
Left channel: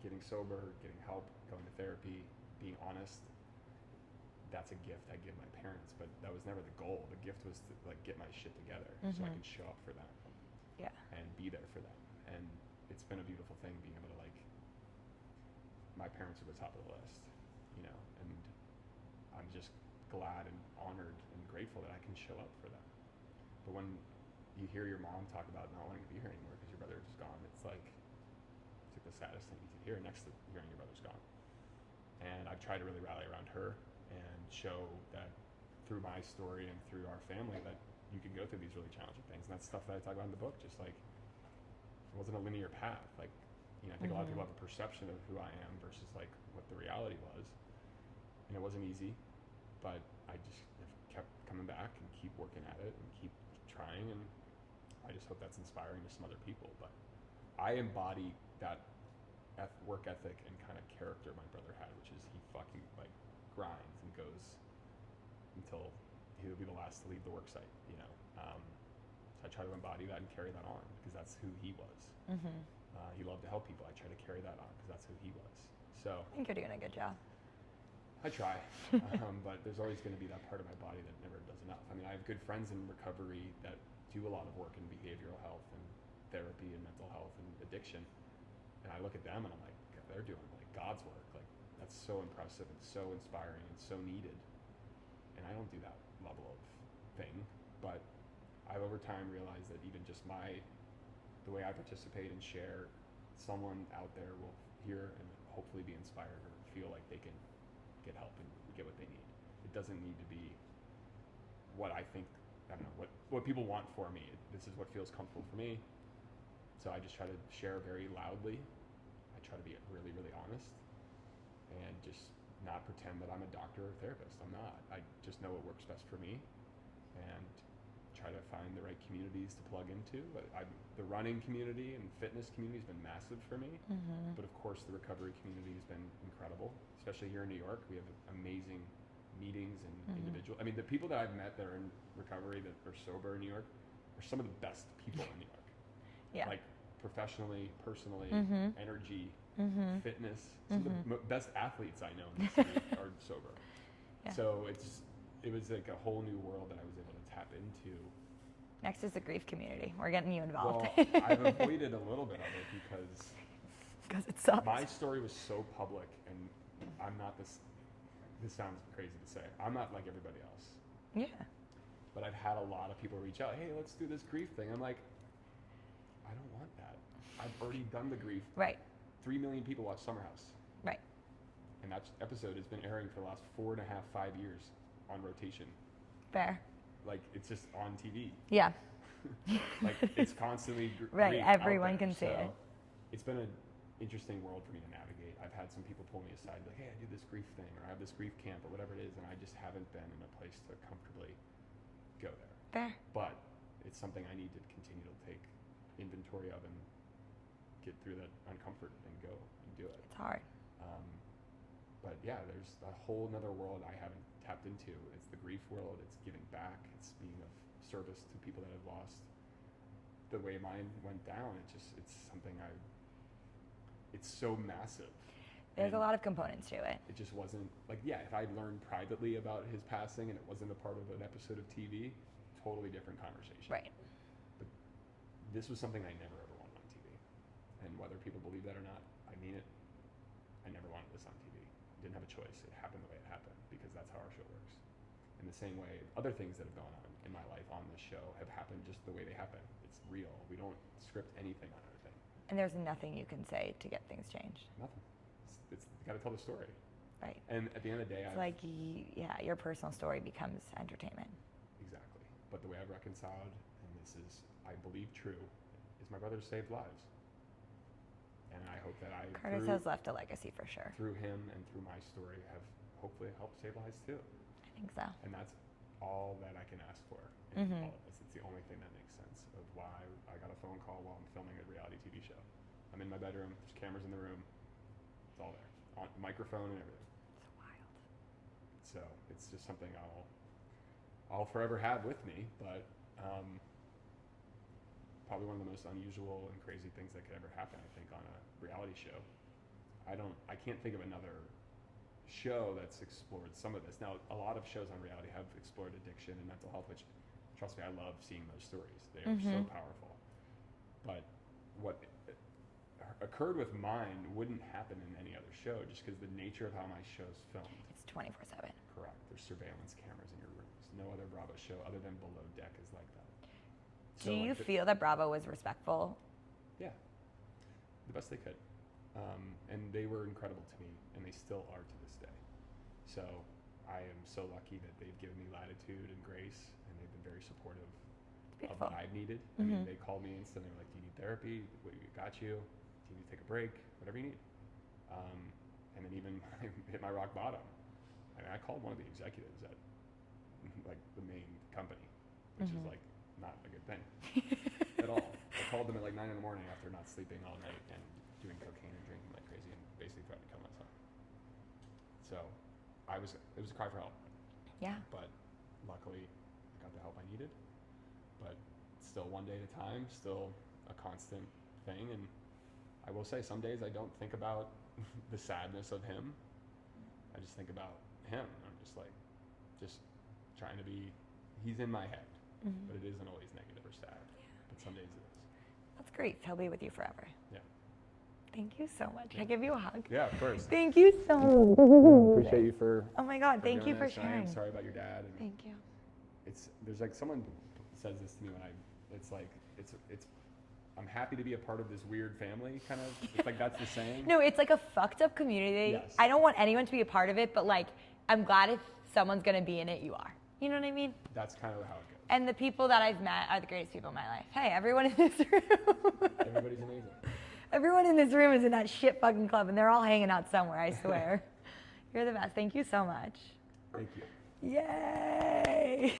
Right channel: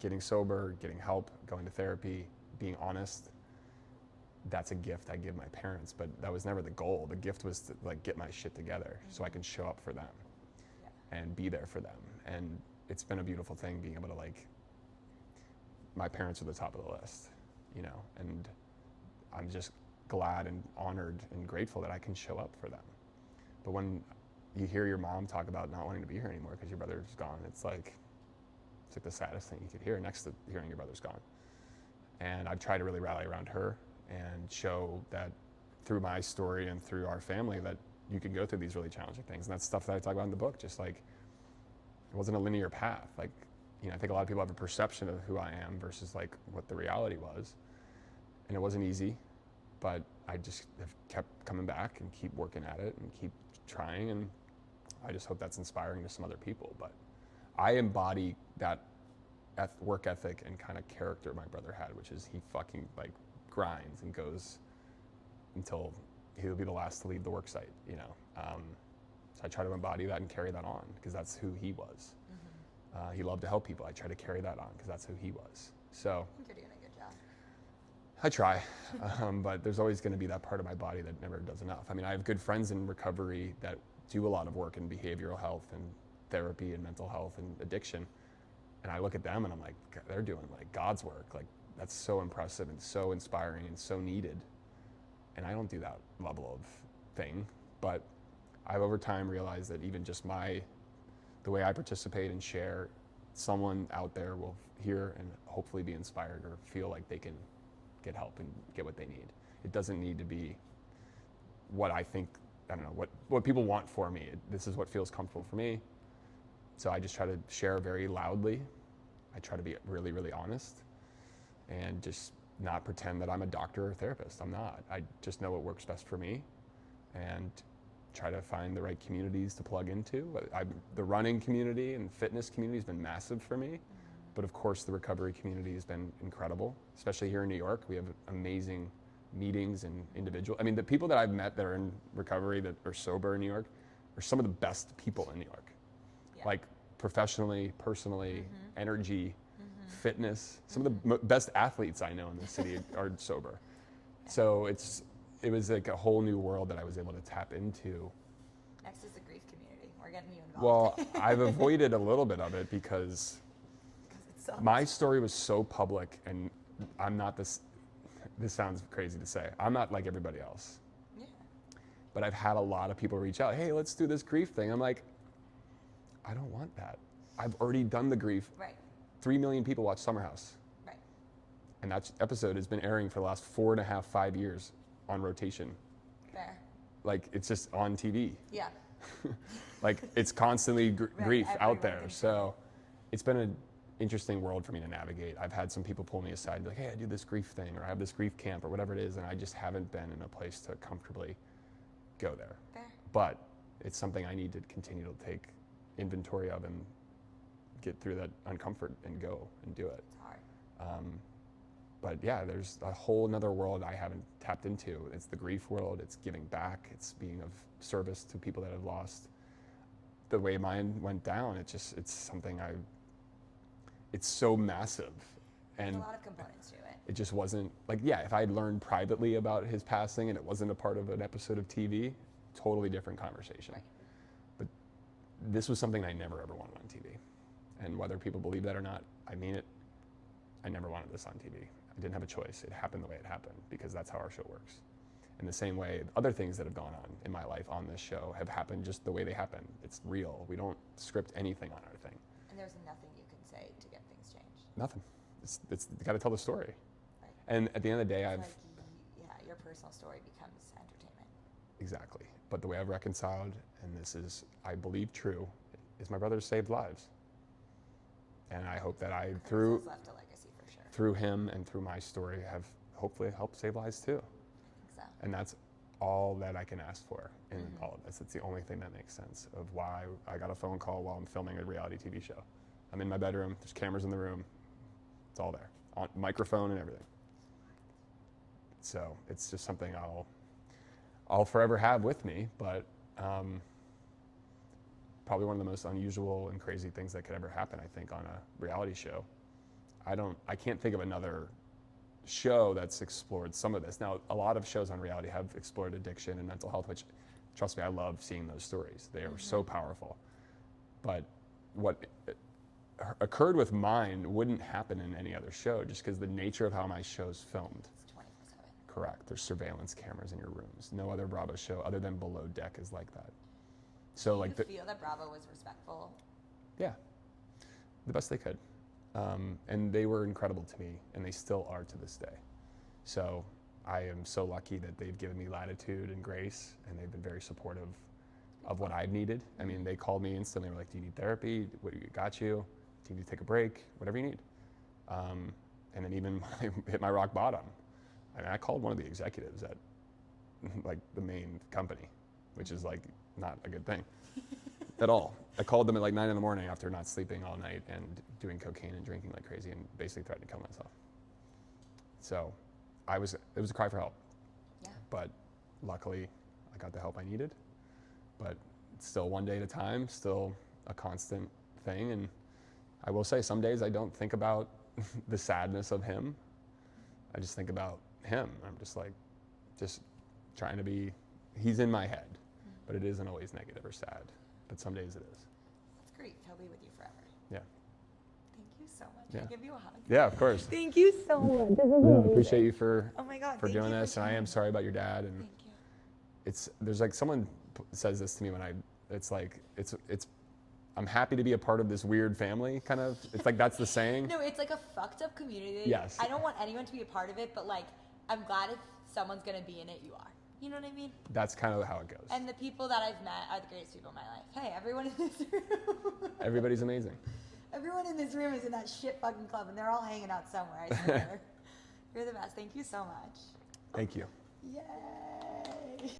getting sober, getting help, going to therapy, being honest, that's a gift I give my parents, but that was never the goal. The gift was to, like, get my shit together so I can show up for them. Yeah. And be there for them. And it's been a beautiful thing being able to, like, my parents are the top of the list, you know, and I'm just glad and honored and grateful that I can show up for them. But when you hear your mom talk about not wanting to be here anymore because your brother's gone, it's like the saddest thing you could hear next to hearing your brother's gone. And I've tried to really rally around her and show that through my story and through our family that you can go through these really challenging things. And that's stuff that I talk about in the book. Just like, it wasn't a linear path. Like, you know, I think a lot of people have a perception of who I am versus like what the reality was. And it wasn't easy, but I just have kept coming back and keep working at it and keep trying. And I just hope that's inspiring to some other people. But I embody that work ethic and kind of character my brother had, which is he fucking like grinds and goes until he'll be the last to leave the work site, you know. So I try to embody that and carry that on because that's who he was. He loved to help people. I try to carry that on because that's who he was. So I think you're doing a good job. I try, but there's always going to be that part of my body that never does enough. I mean, I have good friends in recovery that do a lot of work in behavioral health and therapy and mental health and addiction. And I look at them and I'm like, they're doing like God's work. Like, that's so impressive and so inspiring and so needed. And I don't do that level of thing, but I've over time realized that even just the way I participate and share, someone out there will hear and hopefully be inspired or feel like they can get help and get what they need. It doesn't need to be what I think, I don't know, what people want for me. This is what feels comfortable for me. So I just try to share very loudly. I try to be really, really honest and just not pretend that I'm a doctor or therapist. I'm not. I just know what works best for me and try to find the right communities to plug into. The running community and fitness community has been massive for me. But of course, the recovery community has been incredible, especially here in New York. We have amazing meetings and individual. I mean, the people that I've met that are in recovery, that are sober in New York, are some of the best people in New York. Yeah. Like professionally, personally, energy, fitness. Some of the best athletes I know in the city are sober. Yeah. So it was like a whole new world that I was able to tap into. Next is the grief community. We're getting you involved. Well, I've avoided a little bit of it because it sucks. My story was so public, and I'm not this sounds crazy to say. I'm not like everybody else. Yeah. But I've had a lot of people reach out, hey, let's do this grief thing. I'm like, I don't want that. I've already done the grief. Right. 3 million people watch Summer House. Right. And that episode has been airing for the last 4.5, 5 years. on rotation. Fair. Like, it's just on TV. Yeah. Like, it's constantly Right, grief out everyone there. can see So it. it's been an interesting world for me to navigate. I've had some people pull me aside and be like, hey, I do this grief thing, or I have this grief camp, or whatever it is, and I just haven't been in a place to comfortably go there. Fair. But it's something I need to continue to take inventory of and get through that uncomfort and go and do it. It's hard. But yeah, there's a whole nother world I haven't tapped into. It's the grief world, it's giving back, it's being of service to people that have lost. The way mine went down, it's something it's so massive. There's a lot of components to it. It just wasn't, like, yeah, if I'd learned privately about his passing and it wasn't a part of an episode of TV, totally different conversation. Right. But this was something I never ever wanted on TV. And whether people believe that or not, I mean it, I never wanted this on TV. I didn't have a choice. It happened the way it happened because that's how our show works. In the same way, other things that have gone on in my life on this show have happened just the way they happen. It's real. We don't script anything on our thing. And there's nothing you can say to get things changed. Nothing. It's you got to tell the story. Right. And at the end of the day, It's like, your personal story becomes entertainment. Exactly. But the way I've reconciled, and this is, I believe, true, is my brother saved lives. And I hope that Curtis has left a legacy for sure. through him and through my story, have hopefully helped save lives too. I think so. And that's all that I can ask for in all of this. It's the only thing that makes sense of why I got a phone call while I'm filming a reality TV show. I'm in my bedroom, there's cameras in the room, it's all there, on microphone and everything. It's wild. So it's just something I'll forever have with me, but probably one of the most unusual and crazy things that could ever happen, I think, on a reality show. I can't think of another show that's explored some of this. Now, a lot of shows on reality have explored addiction and mental health, which, trust me, I love seeing those stories. They are so powerful. But what occurred with mine wouldn't happen in any other show just because the nature of how my show's filmed. It's 24/7. Correct. There's surveillance cameras in your rooms. No other Bravo show other than Below Deck is like that. So Do you feel that Bravo was respectful? Yeah, the best they could. And they were incredible to me, and they still are to this day. So I am so lucky that they've given me latitude and grace, and they've been very supportive of what I've needed. I mean, they called me instantly. They were like, do you need therapy? What got you? Do you need to take a break? Whatever you need. And then even when I hit my rock bottom, I mean, I called one of the executives at like the main company, which is like not a good thing at all. I called them at like 9 in the morning after not sleeping all night and doing cocaine and drinking like crazy and basically threatened to kill myself. So it was a cry for help. Yeah. But luckily I got the help I needed. But still one day at a time, still a constant thing. And I will say some days I don't think about the sadness of him. I just think about him. I'm just like, just trying to be, he's in my head, but it isn't always negative or sad. But some days it is. That's great. He'll be with you forever. Yeah. Thank you so much. Yeah. Can I give you a hug? Yeah, of course. Thank you so much. Appreciate you for Oh my God, thank doing you for this. I sharing. am sorry about your dad. And Thank you. there's like someone says this to me when it's I'm happy to be a part of this weird family kind of. It's like that's the saying. No, it's like a fucked up community. Yes. I don't want anyone to be a part of it, but like, I'm glad if someone's gonna be in it, you are. You know what I mean? That's kind of how it goes. And the people that I've met are the greatest people in my life. Hey, everyone in this room. Everybody's amazing. Everyone in this room is in that shit fucking club, and they're all hanging out somewhere, I swear. You're the best. Thank you so much. Thank you. Yay!